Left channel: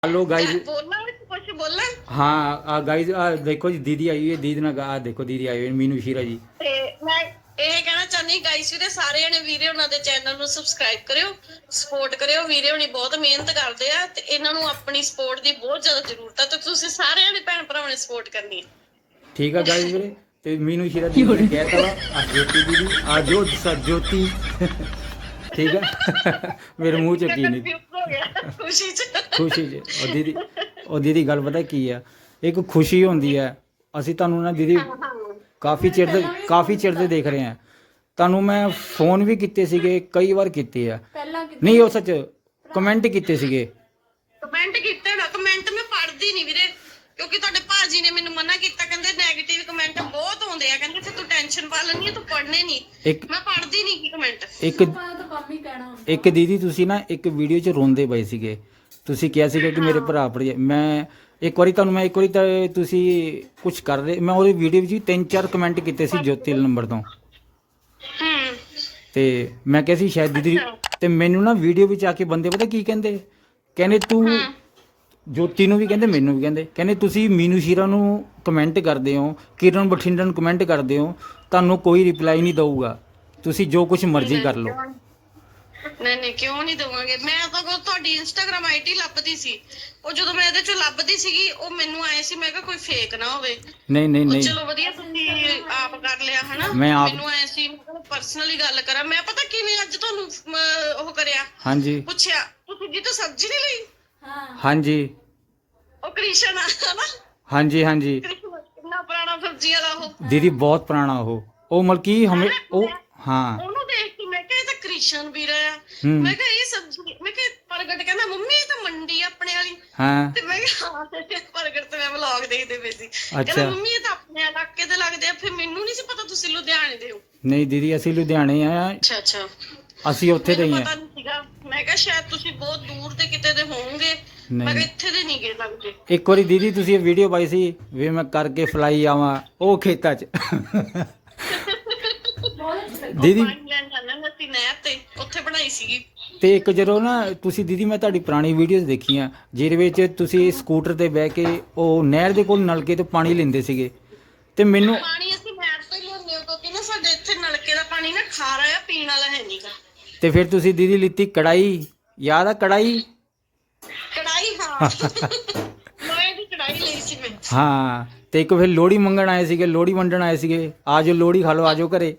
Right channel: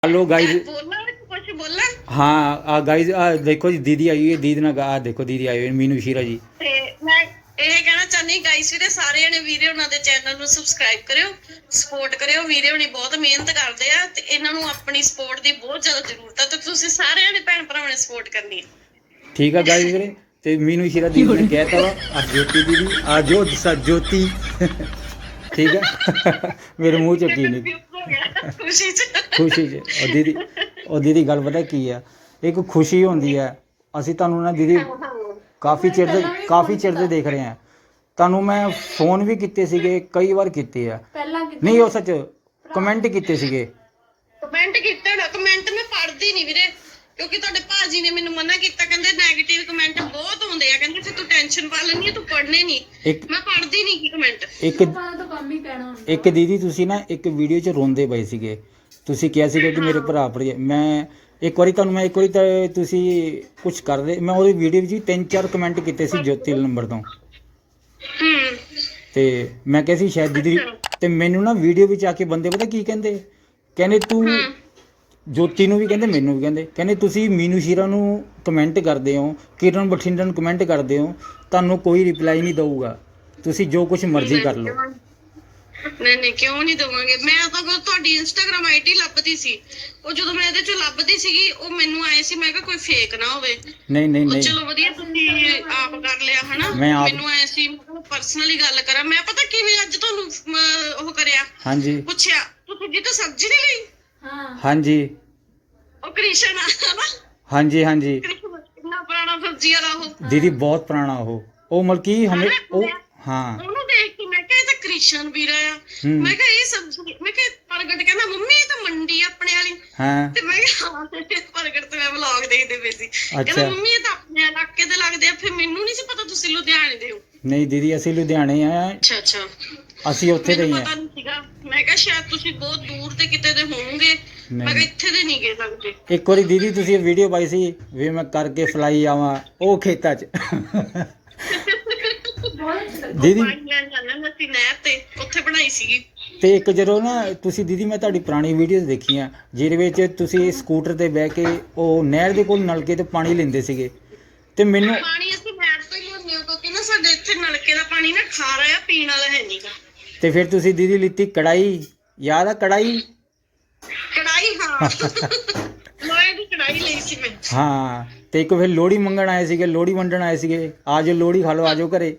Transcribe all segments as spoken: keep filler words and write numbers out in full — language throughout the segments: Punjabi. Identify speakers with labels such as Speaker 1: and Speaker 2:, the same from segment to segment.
Speaker 1: Hello guys.
Speaker 2: बोलना है तो कुछ बोलना
Speaker 1: हाँ गाइज, देखो जी दीदी आई हुई है। दीदी ना आ देखो दीदी आई हुई है, मीनू शीरा जी।
Speaker 2: ਤੇ ਮੈਂ ਇਹ ਕਹਿਣਾ ਚਾਹੁੰਦੀ ਗਾਈਸ ਵੀਰੇ ਸਾਰੇ ਜਣੇ ਵੀਰੇ ਉਹਨਾਂ ਦੇ ਚੈਨਲ ਨੂੰ ਸਬਸਕ੍ਰਾਈਬ ਕਰਿਓ, ਸਪੋਰਟ ਕਰਿਓ। ਵੀਰੇ ਹੁਣੀ ਬਹੁਤ ਮਿਹਨਤ ਕਰਦੇ ਆ ਤੇ ਇਹਨਾਂ ਨੂੰ ਆਪਣੀ ਸਪੋਰਟ ਦੀ ਬਹੁਤ ਜ਼ਿਆਦਾ ਜ਼ਰੂਰਤ ਆ ਤੇ ਤੁਸੀਂ ਸਾਰਿਆਂ ਨੇ ਭੈਣ ਭਰਾਵਾਂ ਨੇ ਸਪੋਰਟ ਕਰਨੀ ਹੈ।
Speaker 1: ਠੀਕ ਹੈ गाइज ਵੀਰੇ। ਤੇ ਮੀਨੂ शीरा दीदी ने कहता वा आ ज्योति दीदी आ जो सा ज्योति ठीक है मेरे मुंह च की नहीं
Speaker 2: ਹੋ ਗਿਆ ਖੁਸ਼ੀ ਚ
Speaker 1: ਖੁਸ਼ੀ ਚ। ਉਹ ਦੀਦੀ ਉਹ ਦੀਦੀ ਗੱਲ ਪਤਾ ਕੀ ਆ, ਇੱਕ ਖੁਸ਼ੀ ਹੁੰਦੀ ਹੈ। ਅਸੀਂ ਤੁਹਾਨੂੰ ਨਾ ਦੀਦੀ ਕਾਫੀ ਚਿਰ ਦੇ ਕਾਫੀ ਚਿਰ ਦੇ ਦੇਖ ਰਹੇ ਹਾਂ। ਤੁਹਾਨੂੰ ਮੈਂ ਫੋਨ ਵੀ ਕੀਤੇ ਸੀਗੇ, ਕਈ ਵਾਰ ਕੀਤੇ ਆ। ਨਹੀਂ ਉਹ ਸੱਚ ਕਮੈਂਟ ਕੀਤੇ ਸੀਗੇ।
Speaker 2: ਕਮੈਂਟ ਕੀਤੇ ਨਾ, ਕਮੈਂਟ ਮੈਂ ਪੜ੍ਹਦੀ ਨਹੀਂ ਵੀਰੇ ਕਿਉਂਕਿ ਤੁਹਾਡੇ ਭਾਜੀ ਨੇ ਮੈਨੂੰ ਮਨਾ ਕੀਤਾ, ਕਹਿੰਦੇ ਨੈਗੇਟਿਵ ਕਮੈਂਟ ਬਹੁਤ ਆਉਂਦੇ ਆ, ਕਹਿੰਦੇ ਫਿਰ ਤੂੰ ਟੈਨਸ਼ਨ ਪਾ ਲੈਣੀ ਹੈ, ਤੂੰ ਪੜ੍ਹਨੇ ਨਹੀਂ।
Speaker 1: ਇੱਕ
Speaker 2: ਮੈਂ ਪੜ੍ਹਦੀ ਨਹੀਂ ਕੀ ਕਮੈਂਟ।
Speaker 1: ਇੱਕ ਇੱਕ ਦੀਦੀ ਤੁਸੀਂ ਨਾ ਇੱਕ ਵੀਡੀਓ 'ਚ ਰੋਂਦੇ ਪਏ ਸੀਗੇ। ਤੁਸੀਂ ਕਿਹਾ ਸੀਗਾ ਕਿ ਮੇਰੇ ਭਰਾ ਭਰਜਾਈ, ਮੈਂ ਇੱਕ ਵਾਰੀ ਤੁਹਾਨੂੰ ਮੈਂ ਇੱਕ ਵਾਰੀ ਤਾਂ ਤੁਸੀਂ ਕੁਝ ਕਰ ਰਹੇ, ਮੈਂ ਉਹਦੀ ਵੀਡੀਓ ਵਿੱਚ ਵੀ ਤਿੰਨ ਚਾਰ ਕਮੈਂਟ ਕੀਤੇ ਸੀ ਜੋਤੀ ਨੰਬਰ ਤੋਂ।
Speaker 2: ਹੂੰ
Speaker 1: ਤੇ ਮੈਂ ਕਿਹਾ ਸੀ ਸ਼ਾਇਦ ਦੀਦੀ, ਤੇ ਮੈਨੂੰ ਨਾ ਵੀਡੀਓ ਵਿੱਚ ਆ ਕੇ ਬੰਦੇ ਪਤਾ ਕੀ ਕਹਿੰਦੇ, ਕਹਿੰਦੇ ਤੂੰ ਜੋਤੀ ਨੂੰ ਵੀ ਕਹਿੰਦੇ, ਮੈਨੂੰ ਵੀ ਕਹਿੰਦੇ, ਕਹਿੰਦੇ ਤੁਸੀਂ ਮੀਨੂ ਸ਼ੀਰਾ ਨੂੰ ਕਮੈਂਟ ਕਰਦੇ ਹੋ, ਕਿਰਨ ਬਠਿੰਡਾ ਨੂੰ ਕਮੈਂਟ ਕਰਦੇ ਹੋ, ਤੁਹਾਨੂੰ ਕੋਈ ਰਿਪਲਾਈ ਨਹੀਂ ਦਊਗਾ, ਤੁਸੀਂ ਜੋ ਕੁਝ ਮਰਜ਼ੀ ਕਰ ਲਓ।
Speaker 2: ਨਹੀਂ ਨਹੀਂ ਕਿਉਂ ਨਹੀਂ ਦਵਾਂਗੇ। ਮੈਂ ਤਾਂ ਕੋ ਤੁਹਾਡੀ ਇੰਸਟਾਗ੍ਰam ਆਈਡੀ ਲੱਭਦੀ ਸੀ, ਉਹ ਜਦੋਂ ਮੈਂ ਇਹਦੇ ਚੋਂ ਲੱਭਦੀ ਸੀਗੀ ਉਹ ਮੈਨੂੰ ਆਏ ਸੀ, ਮੈਂ ਕਿਹਾ ਕੋਈ ਫੇਕ ਨਾ ਹੋਵੇ।
Speaker 1: ਨਹੀਂ ਨਹੀਂ ਨਹੀਂ
Speaker 2: ਚਲੋ ਵਧੀਆ ਤੁਸੀਂ ਆਪ ਕਰ ਲਿਆ ਹਨਾ।
Speaker 1: ਮੈਂ ਆਪ
Speaker 2: ਮੈਨੂੰ ਆਏ ਸੀ ਪਰਸਨਲੀ ਗੱਲ ਕਰਾਂ। ਮੈਂ ਪਤਾ ਕਿਵੇਂ ਅੱਜ ਤੁਹਾਨੂੰ ਅਹ, ਉਹ ਕਰਿਆ,
Speaker 1: ਹਾਂਜੀ
Speaker 2: ਪੁੱਛਿਆ ਤੁਸੀਂ ਜੀ ਤਾਂ ਸਬਜ਼ੀ ਨਹੀਂ ਲਈ।
Speaker 1: ਹਾਂ ਹਾਂਜੀ
Speaker 2: ਉਹ ਕ੍ਰਿਸ਼ਨ ਆ ਹਨਾ,
Speaker 1: ਹਾਂਜੀ ਹਾਂਜੀ
Speaker 2: ਕਿੰਨਾ ਪੁਰਾਣਾ ਸਬਜ਼ੀ ਵਾਲਾ ਉਹ
Speaker 1: ਦੀਦੀ, ਬਹੁਤ ਪੁਰਾਣਾ ਉਹ ਉਹ ਮਲਕੀ ਹਮੇ ਉਹ ਹਾਂ
Speaker 2: ਉਹਨੂੰ ਦੇਖ ਕੇ ਮੈਂ ਕਿਹਾ ਇਹ ਤਾਂ ਕ੍ਰਿਸ਼ਨ ਵੀਰ ਆ।
Speaker 1: ਹੂੰ
Speaker 2: ਮੈਂ ਕਿਹਾ ਇਹ ਸਬਜ਼ੀ, ਮੈਂ ਕਿਹਾ ਪ੍ਰਗਟ ਕਹਿੰਦਾ ਮੰਮੀ ਇਹ ਤਾਂ ਮੰਡੀ ਆ ਆਪਣੇ ਵਾਲੀ।
Speaker 1: ਹਾਂ
Speaker 2: ਤੇ ਮੈਂ ਕਿਹਾ ਹਾਂ ਪ੍ਰਗਟ ਤੇ ਮੈਂ ਵਲੌਗ ਦੇਖਦੇ ਪਏ ਸੀ, ਕਹਿੰਦਾ
Speaker 1: ਅੱਛਾ।
Speaker 2: ਮੰਮੀ ਇਹ ਤਾਂ ਆਪਣੇ ਇਲਾਕੇ ਦੇ ਲੱਗਦੇ ਆ। ਫਿਰ ਮੈਨੂੰ ਨਹੀਂ ਸੀ ਪਤਾ ਤੁਸੀਂ ਲੁਧਿਆਣੇ ਦੇ ਹੋ।
Speaker 1: ਨਹੀਂ ਦੀਦੀ ਅਸੀਂ ਲੁਧਿਆਣੇ ਆ,
Speaker 2: ਅੱਛਾ ਅੱਛਾ
Speaker 1: ਅਸੀਂ ਉੱਥੇ ਦੇ
Speaker 2: ਮੈਨੂੰ
Speaker 1: ਹੀ
Speaker 2: ਪਤਾ
Speaker 1: ਆ।
Speaker 2: ਨਹੀਂ ਸੀਗਾ। ਮੈਂ ਕਿਹਾ ਸ਼ਾਇਦ ਤੁਸੀਂ ਬਹੁਤ ਦੂਰ ਤੇ ਕਿਤੇ ਦੇ ਹੋਵੋਗੇ, ਮੈਂ ਕਿਹਾ ਇੱਥੇ ਦੇ ਨਹੀਂ ਗਏ ਲੱਗਦੇ।
Speaker 1: ਇੱਕ ਵਾਰੀ ਦੀਦੀ ਤੁਸੀਂ ਇਹ ਵੀਡੀਓ ਪਾਈ ਸੀ ਵੀ ਮੈਂ ਕਰਕੇ ਫਲਾਈ ਆਵਾਂ ਉਹ ਖੇਤਾਂ 'ਚ ਦੀਦੀ
Speaker 2: ਪਾਣੀ ਲੈਣ ਜਾਣਾ ਮੈਂ ਸੀ ਨਹਿਰ ਤੇ, ਉੱਥੇ ਬਣਾਈ ਸੀਗੀ।
Speaker 1: ਤੇ ਇੱਕ ਜਦੋਂ ਨਾ ਤੁਸੀਂ ਦੀਦੀ ਮੈਂ ਤੁਹਾਡੀ ਪੁਰਾਣੀ ਵੀਡੀਓਜ਼ ਦੇਖੀਆਂ ਜਿਹਦੇ ਵਿੱਚ ਤੁਸੀਂ ਸਕੂਟਰ ਤੇ ਬਹਿ ਕੇ ਉਹ ਨਹਿਰ ਦੇ ਕੋਲ ਨਲਕੇ ਤੋਂ ਪਾਣੀ ਲੈਂਦੇ ਸੀਗੇ, ਤੇ ਮੈਨੂੰ
Speaker 2: ਪਾਣੀ ਅਸੀਂ ਨਹਿਰ ਤੋਂ ਹੀ ਲਿਆਉਂਦੇ ਹਾਂ ਕਿਉਂਕਿ ਨਾ ਸਾਡੇ ਇੱਥੇ ਨਲਕੇ ਦਾ ਪਾਣੀ ਨਾ ਖਾਰਾ ਆ, ਪੀਣ ਵਾਲਾ ਹੈ ਨਹੀਂਗਾ।
Speaker 1: ਤੇ ਫਿਰ ਤੁਸੀਂ ਦੀਦੀ ਲਿੱਤੀ ਕੜਾਈ, ਯਾਦ ਆ ਕੜਾਈ?
Speaker 2: ਕੜਾਈ ਹਾਂ ਲੋਹੇ ਦੀ ਕੜਾਈ ਲਈ ਸੀ ਮੈਂ।
Speaker 1: ਹਾਂ ਤੇ ਇੱਕ ਫਿਰ ਲੋਹੜੀ ਮੰਗਣ ਆਏ ਸੀਗੇ, ਲੋਹੜੀ ਵੰਡਣ ਆਏ ਸੀਗੇ, ਆਜੋ ਲੋਹੜੀ ਖਾ ਲਓ, ਆਜੋ ਘਰੇ।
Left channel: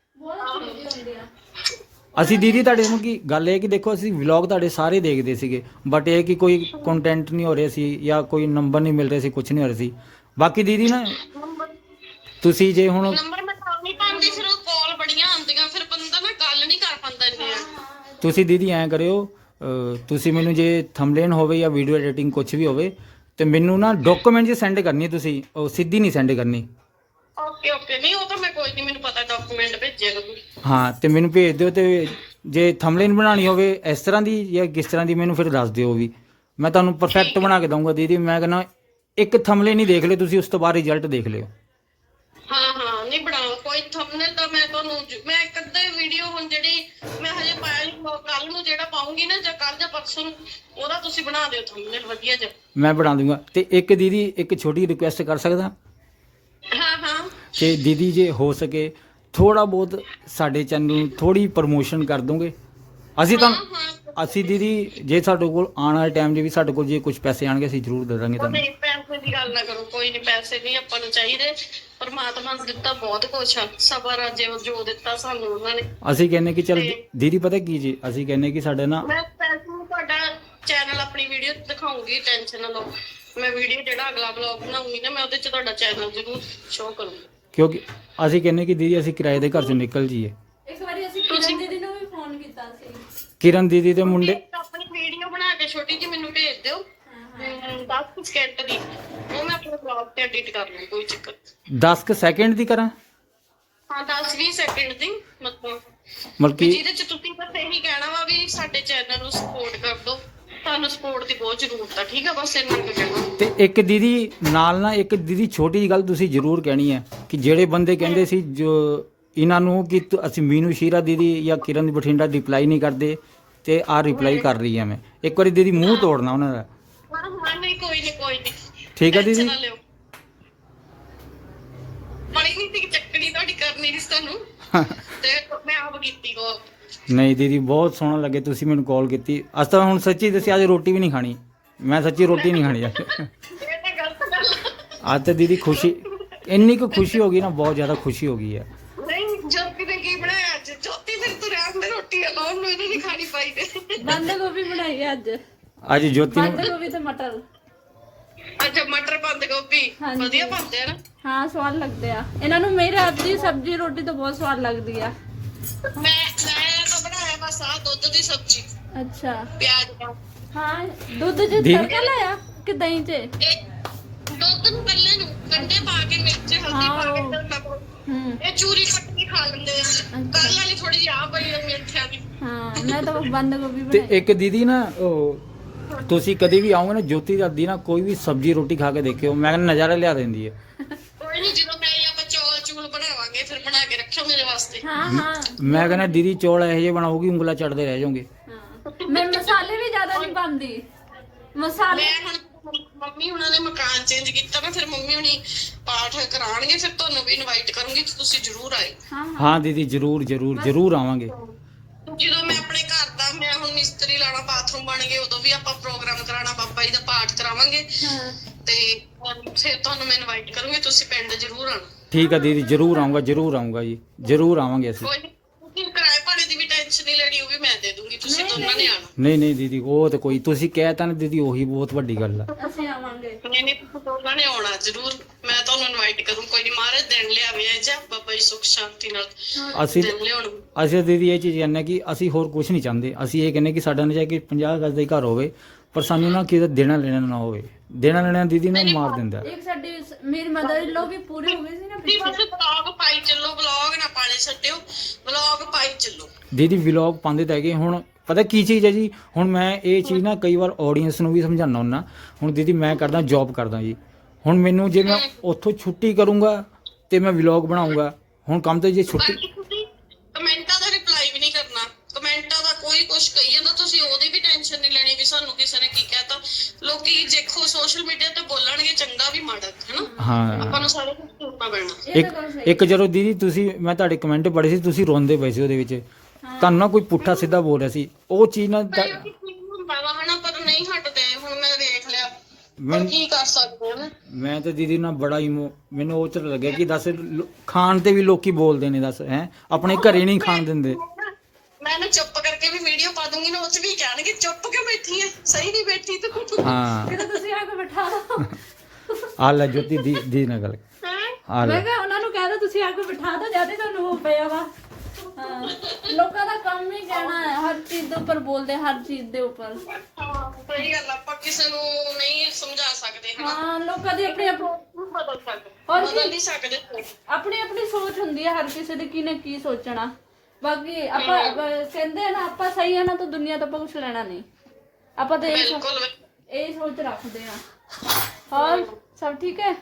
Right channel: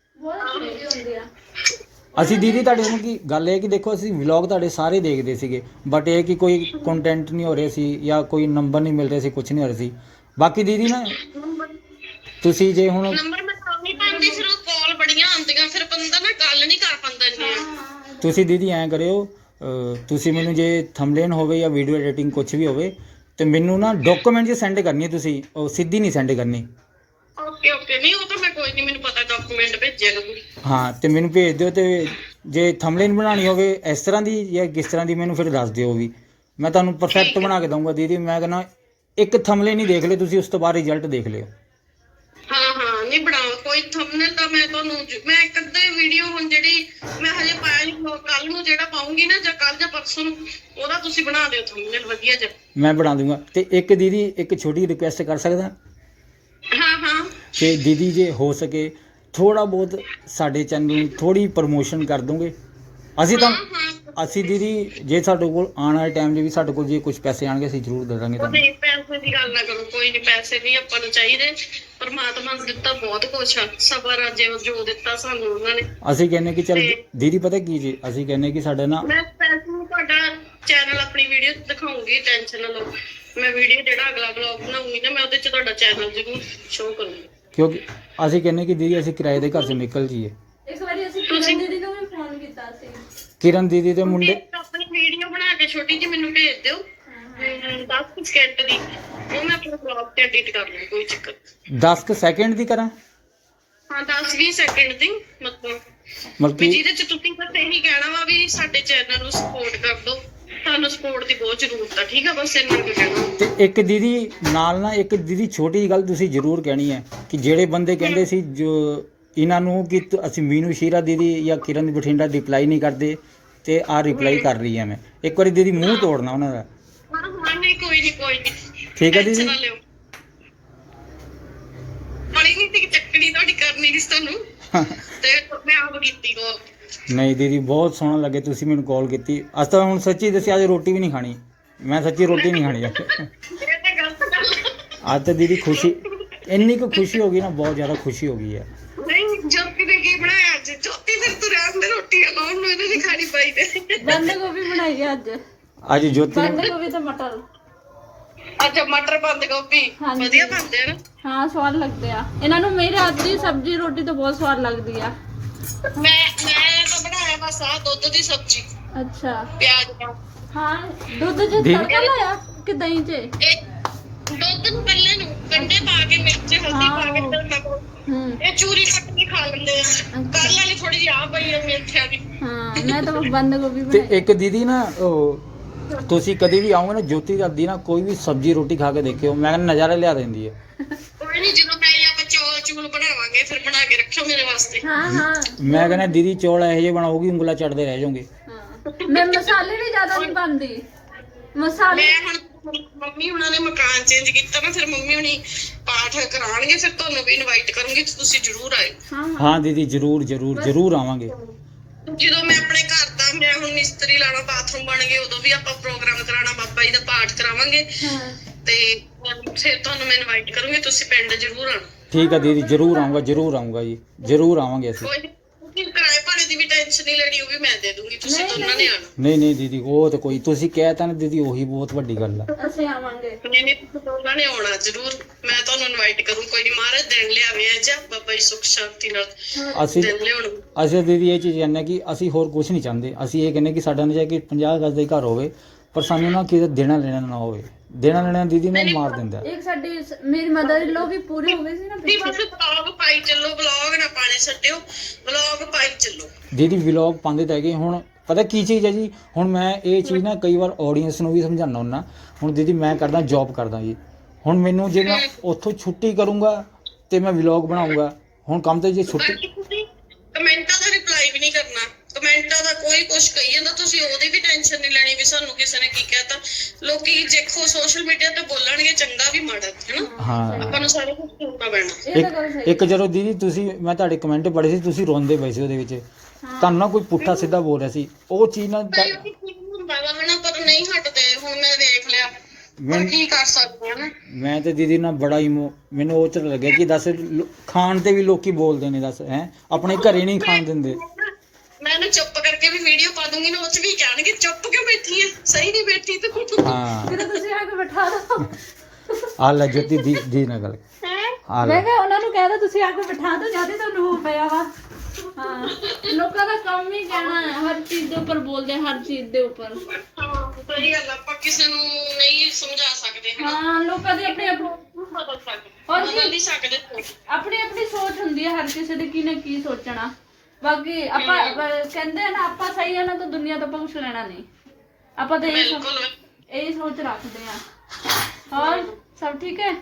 Speaker 1: ਅਸੀਂ ਦੀਦੀ ਤੁਹਾਡੇ ਨੂੰ ਕੀ ਗੱਲ ਇਹ ਕਿ ਦੇਖੋ ਅਸੀਂ ਵਲੌਗ ਤੁਹਾਡੇ ਸਾਰੇ ਦੇਖਦੇ ਸੀਗੇ, ਬਟ ਇਹ ਕਿ ਕੋਈ ਕੰਟੈਂਟ ਨਹੀਂ ਹੋ ਰਿਹਾ ਸੀ ਜਾਂ ਕੋਈ ਨੰਬਰ ਨਹੀਂ ਮਿਲ ਰਿਹਾ ਸੀ, ਕੁਝ ਨਹੀਂ ਹੋ ਰਿਹਾ ਸੀ। ਬਾਕੀ ਦੀਦੀ ਨਾ ਤੁਸੀਂ ਜੇ ਹੁਣ
Speaker 2: ਨੰਬਰ ਮੈਂ ਤਾਂ ਨਹੀਂ ਪਾਉਂਦੀ, ਫਿਰ ਉਹ ਕਾਲ ਬੜੀਆਂ ਆਉਂਦੀਆਂ, ਫਿਰ ਬੰਦਾ ਨਾ ਗੱਲ ਨਹੀਂ ਕਰ ਪਾਉਂਦਾ ਇੰਨੀਆਂ।
Speaker 1: ਤੁਸੀਂ ਦੀਦੀ ਐਂ ਕਰਿਓ, ਅਹ ਤੁਸੀਂ ਮੈਨੂੰ ਜੇ ਥੰਬਨੇਲ ਹੋਵੇ ਜਾਂ ਵੀਡੀਓ ਐਡੀਟਿੰਗ ਕੁਝ ਵੀ ਹੋਵੇ ਤੇ ਮੈਨੂੰ ਨਾ ਡਾਕੂਮੈਂਟ ਜੇ ਸੈਂਡ ਕਰਨੀ, ਤੁਸੀਂ ਉਹ ਸਿੱਧੀ ਨਹੀਂ ਸੈਂਡ ਕਰਨੀ।
Speaker 2: ਓਕੇ ਓਕੇ ਨਹੀਂ ਉਹ ਤਾਂ ਮੈਂ ਕੋਈ ਨਹੀਂ, ਮੈਨੂੰ ਪਤਾ ਡਾਕੂਮੈਂਟ ਭੇਜਿਆ ਕਰੂ।
Speaker 1: ਹਾਂ ਤੇ ਮੈਨੂੰ ਭੇਜ ਦਿਓ, ਤੇ ਜੇ ਥੰਬਨੇਲ ਬਣਾਉਣੀ ਹੋਵੇ ਇਸ ਤਰ੍ਹਾਂ ਦੀ ਜਾਂ ਕਿਸ ਤਰ੍ਹਾਂ ਦੀ ਮੈਨੂੰ ਫਿਰ ਦੱਸ ਦਿਓ, ਵੀ ਮੈਂ ਤੁਹਾਨੂੰ ਪਰਫੈਕਟ ਬਣਾ ਕੇ ਦਊਂਗਾ ਦੀਦੀ। ਮੈਂ ਕਹਿੰਦਾ ਇੱਕ ਥੰਬਨੇਲ ਨਹੀਂ ਦੇਖ ਲਿਓ ਤੁਸੀਂ, ਉਸ ਤੋਂ ਬਾਅਦ ਰਿਜ਼ਲਟ ਦੇਖ ਲਿਓ।
Speaker 2: ਹਾਂ ਹਾਂ ਨਹੀਂ ਬਣਾਓ ਕੋਈ ਥੰਬਨੇਲ ਤਾਂ ਮੈਂ ਤੁਹਾਨੂੰ, ਮੈਂ ਇੱਕ ਅੱਧੇ ਵੀਡੀਓ ਹੁਣ ਜਿਹੜੀ ਮੈਂ ਹਜੇ ਪਾਇਆ ਨਹੀਂ, ਕੱਲ ਨੂੰ ਜਿਹੜਾ ਪਾਉਂਗੀ ਨਾ ਜਾਂ ਕੱਲ ਜਾਂ ਪਰਸੋਂ ਨੂੰ, ਉਹਦਾ ਤੁਸੀਂ ਬਣਾ ਦਿਓ ਥੰਬਨੇਲ ਵਧੀਆ ਜਿਹਾ।
Speaker 1: ਮੈਂ ਬਣਾ ਦੂੰਗਾ। ਤੇ ਇੱਕ ਦੀਦੀ ਇੱਕ ਛੋਟੀ ਰਿਕੁਐਸਟ ਕਰ ਸਕਦਾ?
Speaker 2: ਹਾਂ ਹਾਂ
Speaker 1: ਕਿ ਦੀਦੀ ਜੇ ਹੋ ਸਕੇ ਥੋੜਾ ਬਹੁਤ ਸਾਡੇ ਚੈਨਲ ਨੂੰ ਥੋੜੀ ਪ੍ਰਮੋਸ਼ਨ ਕਰ ਦੋਗੇ। ਅਸੀਂ ਤਾਂ ਅਸੀਂ ਦੀਦੀ ਜੇ ਸਾਡੇ ਕੋਲ ਆਉਣ ਵਾਲੇ ਟਾਈਮ 'ਚ ਵੀ ਸਾਡੇ ਕੋਲ ਜੇ ਕੁਝ ਪੈਸੇ ਆਣਗੇ ਅਸੀਂ ਜ਼ਰੂਰ ਦੇ ਦਾਂਗੇ ਤੁਹਾਨੂੰ।
Speaker 2: ਨਹੀਂ ਪੈਸੇ ਦੀ ਗੱਲ ਨਾ ਕਰੋ, ਕੋਈ ਨਹੀਂ, ਪੈਸੇ ਨਹੀਂ ਆਪਾਂ ਨੂੰ ਚਾਹੀਦੇ। ਪਰਮਾਤਮਾ ਨੇ ਦਿੱਤਾ ਬਹੁਤ ਕੁਛ ਆ, ਸਬਰ ਆ, ਜੇ ਜੋ ਦਿੱਤਾ ਸਾਨੂੰ ਉਹਨਾਂ ਨੇ।
Speaker 1: ਅਸੀਂ ਕਹਿੰਨੇ ਕਿ ਚਲ ਦੀਦੀ ਪਤਾ ਕੀ ਜੀ, ਅਸੀਂ ਕਹਿੰਨੇ ਕਿ ਸਾਡਾ ਨਾ
Speaker 2: ਮੈਂ ਸਪੈਸ਼ਲ ਤੁਹਾਡਾ ਚੈਨਲ ਆਪਣੀ ਵੀਡੀਓ ਦਿਖਾਉਂਗੀ, ਟੈਨਸ਼ਨ ਨਾ ਲਓ। ਮੈਂ ਵੀਡੀਓ ਜਿਹੜਾ ਅਗਲਾ ਵਲੌਗ ਬਣਾਉਂਗੀ ਨਾ, ਮੈਂ ਉਹਦੇ 'ਚ ਤੁਹਾਡਾ ਚੈਨਲ ਜ਼ਰੂਰ ਸ਼ੋਅ ਕਰੂੰਗੀ। ਕਿਉਂਕਿ
Speaker 1: ਅਸੀਂ ਕਹਿੰਨੇ ਕਿ ਦੀਦੀ ਅਸੀਂ ਕਿਰਾਏ ਦੇ ਘਰ 'ਚੋਂ ਨਿਕਲ ਜਾਈਏ।
Speaker 3: ਇੱਕ ਵਾਰੀ ਅਸੀਂ ਕਿਰਨ ਦੀਦੀ ਨੂੰ ਵੀ ਫੋਨ ਕੀਤਾ ਸੀ।
Speaker 1: ਕਿਰਨ ਦੀਦੀ ਦੇ ਮੁੰਡੇ
Speaker 2: ਆਪਣੀ ਵੀਡੀਓ ਬਣਾ ਕੇ ਛੋਟੀ ਜਿਹੀ ਮੈਨੂੰ ਭੇਜ ਦਿਓ, ਦਸ ਸਕਿੰਟ ਦੀ, ਉਹ ਮੈਂ ਆਪਣੇ ਵਲੌਗ ਤੇ ਐਡਿਟ ਕਰ ਲੂੰ, ਕੋਈ ਚੱਕਰ।
Speaker 1: ਦਸ ਕੁ ਸੈਕਿੰਡ ਦੀ ਕਰਾਂ?
Speaker 2: ਹਾਂ ਦਸ ਵੀਹ ਸੈਕਿੰਡ ਦੀ, ਮਤਲਬ
Speaker 1: ਮਤਲਬ
Speaker 2: ਵੀ
Speaker 1: ਕਿ
Speaker 2: ਜਿਹਦੇ 'ਚ ਤੁਸੀਂ ਬਸ ਇਹੀ ਕਹਿਣਾ ਵਾ ਵੀ ਸਾਡੇ ਚੈਨਲ ਨੂੰ ਸਪੋਰਟ ਕਰ ਦਿਓ, ਤੁਹਾਨੂੰ ਸਪੋਰਟ ਦੀ ਬਹੁਤ ਜ਼ਰੂਰਤ ਆ, ਠੀਕ ਆ, ਬਸ ਇੰਨਾ ਕੁ ਕਹਿਣਾ।
Speaker 1: ਤੇ ਇੱਕ ਦੀਦੀ ਨਾਲ ਨਾ ਇੱਕ ਦੀਦੀ ਛੋਟੀ ਜਿਹੀ ਗੱਲ ਤੁਸੀਂ ਜ਼ਰੂਰ ਕਹਿਣੀ ਹੈ ਕਿ ਜਿਹੜੇ ਬੰਦੇ ਕਹਿੰਦੇ ਸੀ ਜੋ ਇਹਨਾਂ ਨੂੰ ਕਿ ਅਸੀਂ ਮੀਨੂ ਸ਼ੀਰਾ ਦੀਦੀ ਜਾਂ ਕਿਰਨ ਬਠਿੰਡਾ ਰਿਪਲਾਈ ਨਹੀਂ ਕਰਦੇ, ਤੇ ਆਹ ਰਿਪਲਾਈ ਕਰ ਰਹੀ ਹਾਂ ਮੈਂ। ਇੱਕ ਵਾਰੀ ਦੀਦੀ ਮੂੰਹ ਤੋੜਨਾ ਉਹਨਾਂ ਦਾ।
Speaker 2: ਹਾਂ ਹਾਂ ਨਹੀਂ ਕੋਈ ਨਹੀਂ ਕੋਈ ਨਹੀਂ
Speaker 1: ਠੀਕ ਹੈ ਦੀਦੀ।
Speaker 2: ਟੈਨਸ਼ਨ ਨਾ ਲਿਓ। ਬੜੀ ਨਹੀਂ ਸੀ ਚੱਕਣੀ ਤੁਹਾਡੀ ਕਰਨੀ ਨਹੀਂ ਤੁਹਾਨੂੰ ਤੇ ਮੈਂ ਆਪ ਕੀਤੀ ਕੋ।
Speaker 1: ਨਹੀਂ ਦੀਦੀ ਬਹੁਤ ਸੋਹਣਾ ਲੱਗੇ ਤੁਸੀਂ ਮੈਨੂੰ ਕਾਲ ਕੀਤੀ। ਅੱਜ ਤਾਂ ਹੁਣ ਸੱਚੀ ਦੱਸਿਆ ਅੱਜ ਰੋਟੀ ਵੀ ਨਹੀਂ ਖਾਣੀ, ਮੈਂ ਸੱਚੀ ਰੋਟੀ ਨਹੀਂ ਖਾਣੀ ਅੱਜ।
Speaker 2: ਇਹ ਤਾਂ ਗਲਤ ਗੱਲ ਆ।
Speaker 1: ਅੱਜ ਤਾਂ ਦੀਦੀ ਖੁਸ਼ੀ ਇੰਨੀ ਕੁ ਖੁਸ਼ੀ ਹੋ ਗਈ ਨਾ, ਬਹੁਤ ਜ਼ਿਆਦਾ ਖੁਸ਼ੀ ਹੋ ਗਈ ਹੈ।
Speaker 2: ਨਹੀਂ ਜੋਤੀ ਨੇ ਕੀ ਬਣਾਇਆ ਅੱਜ? ਜੋਤੀ ਫਿਰ ਤੂੰ ਰਹਿਣ ਦੇ ਰੋਟੀ ਲਾਉਣ ਨੂੰ ਇਹਨੇ ਨਹੀਂ ਖਾਣੀ ਪਾਈ ਤੇ।
Speaker 3: ਬੰਦ ਗੋਭੀ ਬਣਾਈ ਹੈ ਅੱਜ।
Speaker 1: ਅੱਜ ਜੋਤੀ ਨੇ
Speaker 3: ਬੰਦ ਗੋਭੀ ਤੇ ਮਟਰ।
Speaker 2: ਅੱਛਾ ਮਟਰ ਬੰਦ ਗੋਭੀ
Speaker 3: ਹਾਂਜੀ।
Speaker 2: ਵਧੀਆ ਬਣਦੇ ਆ ਨਾ।
Speaker 3: ਹਾਂ ਸਵਾਦ ਲੱਗਦੇ ਆ ਇਹਨਾਂ ਨੂੰ। ਮੇਰੇ ਹੱਥ ਦੀ ਸਬਜ਼ੀ ਰੋਟੀ ਤਾਂ ਬਹੁਤ ਸਵਾਦ ਲੱਗਦੀ ਆ।
Speaker 2: ਮੈਂ ਮੈਂ ਤਾਂ ਬਣਾਇਆ ਬਸ ਆ ਦੁੱਧ ਦੀ ਸਬਜ਼ੀ
Speaker 3: ਅੱਛਾ
Speaker 2: ਪਿਆਜ਼ ਦਾ।
Speaker 3: ਹਾਂ ਦੁੱਧ ਚ
Speaker 1: ਦੀ-
Speaker 3: ਤੜਕਾ ਲਾਇਆ ਕਿ ਦਹੀਂ ਚ?
Speaker 2: ਇਹ ਦੁੱਧ ਨੂੰ ਕੱਲੇ ਨੂੰ ਗੰਡੇ ਪਾ ਕੇ ਮਿਰਚ ਹਲਦੀ ਪਾ ਕੇ ਤੇ ਨਮਕ
Speaker 3: ਹੂੰ
Speaker 2: ਇਹ ਚੂਰੀ ਕੱਟ ਕੇ ਖਾ ਲੈਂਦੇ ਆ। ਕੱਲ ਵਾਲੀ ਥੋੜੀ ਜਿਹੀ ਆ ਪਈ ਆ ਮੇਥਿਆਂ ਦੀ।
Speaker 3: ਹਾਂ ਮੈਂ ਤਾਂ ਬੰਦ ਗੋਭੀ
Speaker 1: ਤੇ
Speaker 3: ਬਣਾਈ।
Speaker 1: ਇੱਕ ਦੀਦੀ ਨਾ ਉਹ ਤੁਸੀਂ ਕਦੇ ਵੀ ਆਓਗੇ ਨਾ ਜੋਤੀ ਦਾਦੀ ਨਾ ਕੋਈ ਵੀ ਸਬਜ਼ੀ ਰੋਟੀ ਖਾ ਕੇ ਦੇਖਿਓ, ਮੈਂ ਕਹਿੰਦਾ ਨਜ਼ਾਰਾ ਲਿਆ ਦਿੰਦੀ ਹੈ।
Speaker 2: ਕੋਈ ਨਹੀਂ ਜਦੋਂ ਮੈਂ ਆਪਾਂ ਚੌਲ ਚੂਲ ਬਣਾਵਾਂਗੇ ਫਿਰ ਬਣਾ ਕੇ ਰੱਖਿਓ ਮੇਰੇ ਵਾਸਤੇ।
Speaker 3: ਹਾਂ ਹਾਂ
Speaker 1: ਮੈਂ ਕਹਿੰਦਾ ਦੀਦੀ ਚੌਲ ਇਹੋ ਜਿਹੇ ਬਣਾਓਗੀ ਉਂਗਲਾਂ ਚੜਦੇ ਰਹਿ ਜਾਓਗੇ।
Speaker 3: ਹਾਂ ਮੈਂ ਮਸਾਲੇ ਵੀ ਜ਼ਿਆਦਾ ਨਹੀਂ ਪਾਉਂਦੀ। ਮਸਾਲੇ
Speaker 2: ਮੈਂ ਹੁਣ ਮੰਮੀ ਹੁਣਾਂ ਨੇ ਮਕਾਨ ਚੇਂਜ ਕੀਤਾ ਨਾ, ਫਿਰ ਮੰਮੀ ਹੁਣੀ ਪਾਠ ਕਰਾਉਣਗੇ, ਫਿਰ ਤੁਹਾਨੂੰ ਵੀ ਇਨਵਾਈਟ ਕਰੂੰਗੀ ਤੇ ਤੁਸੀਂ ਜ਼ਰੂਰ ਆਇਓ।
Speaker 3: ਹਾਂ ਹਾਂ
Speaker 1: ਹਾਂ ਦੀਦੀ ਜ਼ਰੂਰ ਜ਼ਰੂਰ ਜ਼ਰੂਰ ਆਵਾਂਗੇ।
Speaker 2: ਜਦੋਂ ਮੈਂ ਆਪਣੇ ਘਰ ਦਾ ਮੈਂ ਹੁਣ ਮਿਸਤਰੀ ਲਾਣਾ, ਬਾਥਰੂਮ ਬਣ ਗਏ, ਉਦੋਂ ਵੀ ਆਪਾਂ ਪ੍ਰੋਗਰਾਮ ਕਰਾਉਣਾ, ਬਾਬਾ ਜੀ ਦਾ ਪਾਠ ਕਰਾਵਾਂਗੇ
Speaker 3: ਹਾਂ
Speaker 2: ਤੇ ਫਿਰ ਤੁਹਾਨੂੰ ਮੈਂ ਇਨਵਾਈਟ ਕਰੂੰਗੀ, ਤੁਸੀਂ ਪਿੰਡ ਜ਼ਰੂਰ ਆਣਾ।
Speaker 1: ਠੀਕ ਹੈ ਦੀਦੀ ਜ਼ਰੂਰ ਆਊਂਗਾ, ਜ਼ਰੂਰ ਆਊਂਗਾ ਜੀ, ਜ਼ਰੂਰ ਆਵਾਂਗੇ ਅਸੀਂ।
Speaker 2: ਕੋਈ ਨੀ, ਤੁਸੀਂ ਕਿਰਾਏ ਭਾੜੇ ਦੀ ਵੀ ਟੈਨਸ਼ਨ ਨਹੀਂ ਲੈਣੀ, ਉਹ ਵੀ ਮੈਂ ਦੇ ਦੂੰਗੀ, ਤੁਸੀਂ
Speaker 3: ਨਹੀਂ,
Speaker 2: ਦੋਨਾਂ ਨੇ ਆਣਾ।
Speaker 1: ਨਹੀਂ ਨਹੀਂ ਦੀਦੀ ਉਹ ਤਾਂ ਕੋਈ ਤੁਸੀਂ ਕਹਿ ਤਾ ਨਾ ਦੀਦੀ, ਉਹੀ ਬਹੁਤ ਵੱਡੀ ਗੱਲ ਆ।
Speaker 3: ਅਸੀਂ ਆਵਾਂਗੇ।
Speaker 2: ਨਹੀਂ ਨਹੀਂ ਤੁਸੀਂ ਦੋਨਾਂ ਨੇ ਆਉਣਾ ਜ਼ਰੂਰ, ਮੈਂ ਤੁਹਾਨੂੰ ਇਨਵਾਈਟ ਕਰੂੰ। ਕੋਈ ਨਹੀਂ, ਮਹਾਰਾਜ ਦਿਨ ਲਿਆਵੇ ਅੱਜ ਬਾਬਾ ਜੀ ਸੁੱਖ ਸ਼ਾਂਤੀ ਨਾਲ
Speaker 1: ਅਸੀਂ
Speaker 2: ਦਿਨ ਲਿਆਉਣ।
Speaker 1: ਅਸੀਂ ਦੀਦੀ ਇਹ ਚੀਜ਼ ਕਹਿੰਦੇ ਕਿ ਅਸੀਂ ਹੋਰ ਕੁਝ ਨਹੀਂ ਚਾਹੁੰਦੇ। ਅਸੀਂ ਇਹ ਕਹਿੰਦੇ ਕਿ ਸਾਡਾ ਨਾ ਚਾਹੇ ਕਿ ਪੰਜਾਹ ਗਜ਼ ਦਾ ਹੀ ਘਰ ਹੋਵੇ, ਪਰ ਸਾਨੂੰ ਨਾ ਕਿਸੇ ਦਾ ਦੇਣਾ ਲੈਣਾ ਨਾ ਹੋਵੇ। ਦੇਣਾ ਲੈਣਾ ਦੀਦੀ ਨੂੰ ਮਾਰ ਦਿੰਦਾ।
Speaker 3: ਇੱਕ ਸਾਡੀ ਸ- ਮੇਰੀ ਮਦਰ ਇਨ ਲੋ ਵੀ ਪੂਰੀ ਹੋ ਗਈ ਸੀ ਨਾ
Speaker 2: ਤੁਸੀਂ
Speaker 3: ਪਿੱਛੇ।
Speaker 2: ਬਸ ਵਲੌਗ ਪਾਈ ਚੱਲੋ, ਵਲੌਗ ਨਾ ਪਾਣੇ ਛੱਡਿਓ, ਵਲੌਗ ਪਾਈ ਚੱਲੋ।
Speaker 1: ਦੀਦੀ ਵਲੌਗ ਪਾਉਂਦੇ ਤਾਂ ਹੈਗੇ। ਹੁਣ ਪਤਾ ਕੀ ਚੀਜ਼ ਹੈ ਜੀ, ਹੁਣ ਮੈਂ ਇਹ ਚੀਜ਼ ਨਾ ਕਈ ਵਾਰ ਆਡੀਅנס ਨੂੰ ਵੀ ਸਮਝਾਉਣਾ ਹੁੰਦਾ। ਹੁਣ ਦੀਦੀ ਮੈਂ ਕਰਦਾ ਜੌਬ ਕਰਦਾ ਜੀ, ਹੁਣ ਮੈਨੂੰ ਜੇ ਮੈਂ ਉੱਥੋਂ ਛੁੱਟੀ ਕਰੂੰਗਾ ਤੇ ਮੈਂ ਵਲੌਗ ਬਣਾਉਂਗਾ। ਹੁਣ ਕੰਮ ਤੇ ਜੇ ਛੁੱਟੀ
Speaker 2: ਬਾਕੀ ਤੁਸੀਂ ਕਮੈਂਟਾਂ ਦਾ ਰਿਪਲਾਈ ਵੀ ਨਹੀਂ ਕਰਨਾ। ਕਮੈਂਟਾਂ ਦਾ ਕੋਈ ਕੁਝ ਕਹੀ ਜਾਂਦਾ, ਤੁਸੀਂ ਉਹਦੀ ਵੀ ਟੈਨਸ਼ਨ ਨਹੀਂ ਲੈਣੀ ਵੀ ਸਾਨੂੰ ਕਿਸੇ ਨੇ ਕੀ ਕਹਿਤਾ। ਲੋਕੀ ਦੇਖੋ ਸੋਸ਼ਲ ਮੀਡੀਆ ਤੇ ਬੋਲਣਗੇ ਚੰਗਾ ਵੀ ਮਾੜਾ, ਹੈਨਾ।
Speaker 1: ਹਾਂ
Speaker 2: ਆਪਾਂ ਨੂੰ ਸਾਰਾ ਕੁਝ ਸੁਣਨਾ ਪੈਣਾ।
Speaker 3: ਇਹ ਤਾਂ ਗੱਲ
Speaker 1: ਇੱਕ
Speaker 3: ਸਹੀ।
Speaker 1: ਇੱਕ ਜਦੋਂ ਦੀਦੀ ਤੁਸੀਂ ਮੈਂ ਤੁਹਾਡੇ ਕਮੈਂਟ ਪੜ੍ਹੇ ਸੀ, ਤੁਸੀਂ ਰੋਂਦੇ ਪਏ ਸੀ ਉਹਦੇ ਵਿੱਚ, ਤੁਹਾਨੂੰ ਨਾ ਕੋਈ ਪੁੱਠਾ ਸਿੱਧਾ ਬੋਲ ਰਿਹਾ ਸੀ। ਉਹ ਚੀਜ਼ ਨਾ
Speaker 2: ਕਈ ਵਾਰੀ ਕੀ ਹੁੰਦਾ ਵਾ ਹਨਾ, ਪਰ ਨਹੀਂ ਹਟਦੇ। ਹੁਣ ਮੈਂ ਵੇਖ ਲਿਆ,
Speaker 1: ਮੈਂ
Speaker 2: ਪਰ ਕੀ ਕਰ ਸਕਦੇ ਹਾਂ ਨਾ।
Speaker 1: ਮੈਂ ਤੇ ਦੀਦੀ ਨਾਲ ਬੜਾ ਹੀ ਮੋ- ਮੈਨੂੰ ਉਹ ਚ ਲੱਗਿਆ ਕਿ ਦੱਸ ਲੋ- ਖਾਣ ਤੇ ਵੀ ਲੋਕੀ ਬੋਲਦੇ ਨੇ, ਦੱਸ ਹੈ ਆਪਣੇ ਘਰੇ ਨਹੀਂ ਖਾਣ ਦਿੰਦੇ।
Speaker 2: ਮੈਂ ਇਹਨੂੰ ਚੁੱਪ ਕਰਕੇ ਵੀ ਵੀਡੀਓ ਪਾ ਦੂੰਗੀ ਨਾ, ਉਹ ਚ ਵੀ ਕਹਿਣਗੇ ਚੁੱਪ ਕਿਉਂ ਬੈਠੀ ਹੈ, ਸਹੀ ਨਹੀਂ ਬੈਠੀ ਤੂੰ।
Speaker 1: ਹਾਂ
Speaker 3: ਕਿਤੇ ਤੁਸੀਂ ਆ ਕੇ ਬਿਠਾ ਦਿਓ।
Speaker 1: ਆ ਲੈ ਜੋਤੀ ਦੀ ਦੀ ਨਾਲ ਗੱਲ ਆ ਲੈ।
Speaker 3: ਮੈਂ ਕਿਹਾ ਉਹਨਾਂ ਨੂੰ ਕਹਿ ਦੋ ਤੁਸੀਂ ਆ ਕੇ ਬਿਠਾ ਦਿਓ, ਜਿਆਦਾ ਤੁਹਾਨੂੰ ਹੋ ਪਿਆ ਵਾ। ਹਾਂ ਲੋਕਾਂ ਦਾ ਕੰਮ ਹੀ ਕਹਿਣਾ ਹੈ, ਹਰ ਚੀਜ਼ ਦੇ ਉੱਪਰ ਬੋਲਦੇ ਆ, ਹਰ ਚੀਜ਼ ਦੇ ਉੱਪਰ।
Speaker 2: ਹਾਂ ਸਹੀ ਗੱਲ ਆ, ਆਪਾਂ ਕਿਸੇ ਨੂੰ ਨਹੀਂ ਸਮਝਾ ਸਕਦੇ ਹਨਾ,
Speaker 3: ਹਾਂ ਲੋਕਾਂ ਦੀ ਆਪਣੀ ਆਪਣੀ
Speaker 2: ਬਦਲ ਸਕਦੇ,
Speaker 3: ਔਰ
Speaker 2: ਬਦਲ ਨਹੀਂ ਸਕਦੇ।
Speaker 3: ਆਪਣੀ ਆਪਣੀ ਸੋਚ ਹੁੰਦੀ ਹੈ ਹਰ ਕਿਸੇ ਦੀ, ਕਿਹਨੇ ਕੀ ਸੋਚਣਾ। ਬਾਕੀ ਆਪਾਂ ਅਹ ਕਹਿੰਦੇ ਆ ਨਾ, ਆਪਾਂ ਸਹੀ ਆ ਨਾ ਤਾਂ ਦੁਨੀਆ ਤੋਂ ਆਪਾਂ ਕੁਛ ਲੈਣਾ ਨਹੀਂ। ਆਪਾਂ ਤਾਂ ਇਹ ਸੋਚ-
Speaker 2: ਬਿਲਕੁਲ
Speaker 3: ਇਹ ਸੋਚ ਰੱਖਦੇ ਆ। ਹੋਰ ਸਭ ਠੀਕ ਹੈ?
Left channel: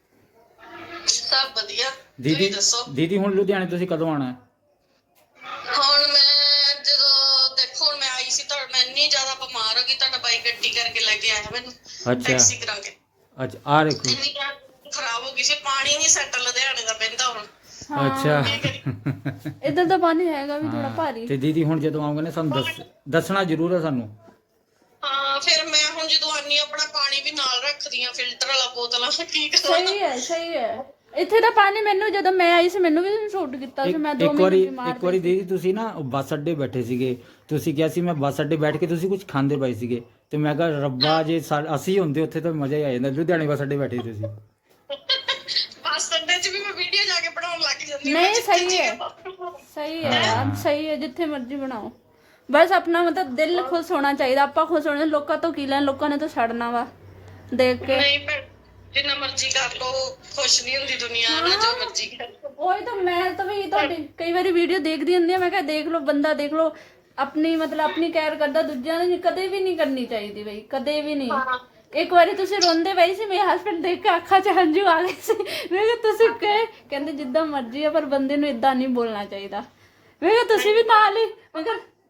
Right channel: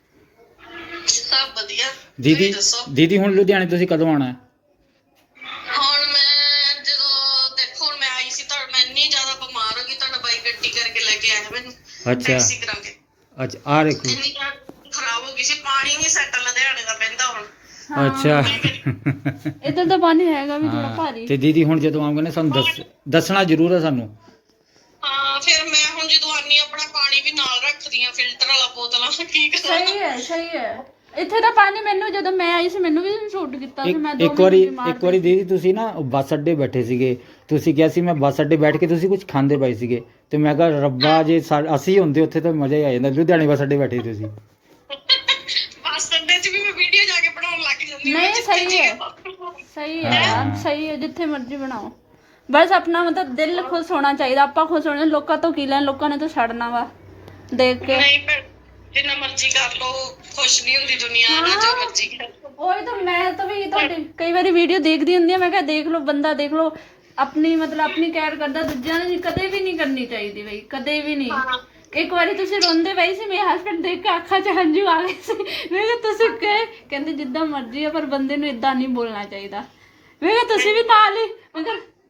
Speaker 2: ਸਭ ਵਧੀਆ।
Speaker 1: ਦੀਦੀ
Speaker 2: ਤੁਸੀਂ ਦੱਸੋ।
Speaker 1: ਦੀਦੀ ਹੁਣ ਲੁਧਿਆਣੇ ਤੁਸੀਂ ਕਦੋਂ ਆਣਾ ਹੈ?
Speaker 2: ਹੁਣ ਮੈਂ ਜਦੋਂ ਦੇਖੋ, ਹੁਣ ਮੈਂ ਆਈ ਸੀ ਤਾਂ ਮੈਂ ਇੰਨੀ ਜ਼ਿਆਦਾ ਬਿਮਾਰ ਹੋ ਗਈ, ਤੁਹਾਡਾ ਬਾਈ ਗੱਡੀ ਕਰਕੇ ਲੈ ਕੇ ਆਇਆ ਮੈਨੂੰ,
Speaker 1: ਅੱਛਾ
Speaker 2: ਟੈਕਸੀ ਕਰਾ ਕੇ।
Speaker 1: ਅੱਛਾ ਆ ਦੇਖੋ
Speaker 2: ਇੰਨੀ ਜ਼ਿਆਦਾ ਖਰਾਬ ਹੋ ਗਈ ਸੀ, ਪਾਣੀ ਨਹੀਂ ਸੈੱਟ ਲੁਧਿਆਣੇ ਦਾ ਪੈਂਦਾ ਹੁਣ।
Speaker 1: ਅੱਛਾ
Speaker 3: ਇੱਧਰ ਤਾਂ ਪਾਣੀ ਹੈਗਾ ਵੀ ਥੋੜਾ
Speaker 1: ਹਾਂ,
Speaker 3: ਭਾਰੀ।
Speaker 1: ਤੇ ਦੀਦੀ ਹੁਣ ਜਦੋਂ ਆਉਂਗੇ ਨਾ ਸਾਨੂੰ ਦੱਸ ਦੱਸਣਾ ਜ਼ਰੂਰ ਹੈ ਸਾਨੂੰ।
Speaker 2: ਹਾਂ ਫਿਰ ਮੈਂ ਹੁਣ ਜਦੋਂ ਆਨੀ ਆਪਣਾ ਪਾਣੀ ਵੀ ਨਾਲ ਰੱਖਦੀ ਆ, ਫਿਲਟਰ ਵਾਲਾ ਬੋਤਲਾਂ। ਕੀ ਕਰਾਂ।
Speaker 3: ਸਹੀ ਹੈ ਸਹੀ ਹੈ। ਇੱਥੇ ਦਾ ਪਾਣੀ ਮੈਨੂੰ ਜਦੋਂ ਮੈਂ ਆਈ ਸੀ ਮੈਨੂੰ ਵੀ ਸ਼ੂਟ ਕੀਤਾ ਸੀ। ਮੈਂ
Speaker 1: ਇੱਕ
Speaker 3: ਦੋ
Speaker 1: ਇੱਕ ਵਾਰੀ
Speaker 3: ਮਹੀਨੇ ਬਿਮਾਰ
Speaker 1: ਇੱਕ ਵਾਰੀ ਦੀਦੀ ਤੁਸੀਂ ਨਾ ਬੱਸ ਅੱਡੇ ਬੈਠੇ ਸੀਗੇ, ਤੁਸੀਂ ਕਿਹਾ ਸੀ ਮੈਂ ਬੱਸ ਅੱਡੇ ਬੈਠ ਕੇ ਤੁਸੀਂ ਕੁਝ ਖਾਂਦੇ ਪਏ ਸੀਗੇ, ਤੇ ਮੈਂ ਕਿਹਾ ਰੱਬਾ ਜੇ ਸਾ- ਅਸੀਂ ਹੁੰਦੇ ਉੱਥੇ ਤਾਂ ਮਜ਼ਾ ਹੀ ਆ ਜਾਂਦਾ। ਲੁਧਿਆਣੇ ਬੱਸ ਅੱਡੇ ਬੈਠੇ ਸੀ ਤੁਸੀਂ।
Speaker 2: ਬੱਸ ਅੱਡੇ 'ਚ ਵੀ ਮੈਂ ਵੀਡੀਓ ਜਾ ਕੇ ਬਣਾਉਣ ਲੱਗ ਜਾਂਦੀ ਹਾਂ।
Speaker 3: ਨਹੀਂ ਸਹੀ ਹੈ ਸਹੀ ਹੈ ਯਾਰ, ਸਹੀ ਹੈ। ਜਿੱਥੇ ਮਰਜ਼ੀ ਬਣਾਓ, ਬਸ ਆਪਣਾ ਮਤਲਬ ਦਿਲ ਖੁਸ਼ ਹੋਣਾ ਚਾਹੀਦਾ। ਆਪਾਂ ਖੁਸ਼ ਹੋਣਾ, ਲੋਕਾਂ ਤੋਂ ਕੀ ਲੈਣ, ਲੋਕਾਂ ਨੇ ਤਾਂ ਛੱਡਣਾ ਵਾ ਦੇਖ ਕੇ।
Speaker 2: ਨਹੀਂ ਪਰ ਜਿੰਨਾ ਮਰਜ਼ੀ ਕਰ ਲੋ, ਖੁਸ਼ ਨਹੀਂ ਹੁੰਦੀ ਦੁਨੀਆ ਨਾ, ਜੋ ਮਰਜ਼ੀ ਕਰ ਲੋ।
Speaker 3: ਉਹੀ ਤਾਂ ਮੈਂ ਤਾਂ ਵੀ ਤੁਹਾਡੀ ਕਈ ਵਾਰੀ ਵੀਡੀਓ ਦੇਖਦੀ ਹੁੰਦੀ ਆ, ਮੈਂ ਕਿਹਾ ਦੇਖ ਲਓ ਬੰਦਾ, ਦੇਖ ਲਓ ਆਪਣੀ ਮਤਲਬ ਆਪਣੀ ਕੇਅਰ ਕਰਦਾ, ਦੂਜਿਆਂ ਦੀ ਕਦੇ ਵੀ ਨਹੀਂ ਕਰਨੀ ਚਾਹੀਦੀ ਬਈ, ਕਦੇ ਵੀ ਨਹੀਂ। ਇੱਕ ਵਾਰੀ ਤੁਸੀਂ ਰੋਂਦੇ ਪਈ ਸੀ, ਮੇਰੇ ਹਸਬੰਡ ਦੇਖ ਕੇ ਅੱਖਾਂ 'ਚ ਹੰਝੂ ਆ ਗਏ ਸੀ। ਮੈਂ ਕਿਹਾ ਤੁਸੀਂ ਕਹੇ ਕਹਿੰਦੇ ਜਿੱਦਾਂ ਮਰਜ਼ੀ ਆ, ਪਰ ਬੰਦੇ ਨੂੰ ਇਦਾਂ ਨਹੀਂ ਬੋਲਣਾ ਚਾਹੀਦਾ। ਮੈਂ ਕਿਹਾ ਤੁਸੀਂ ਵੀ ਨਾਲ ਹੀ, ਮੈਂ ਕਿਹਾ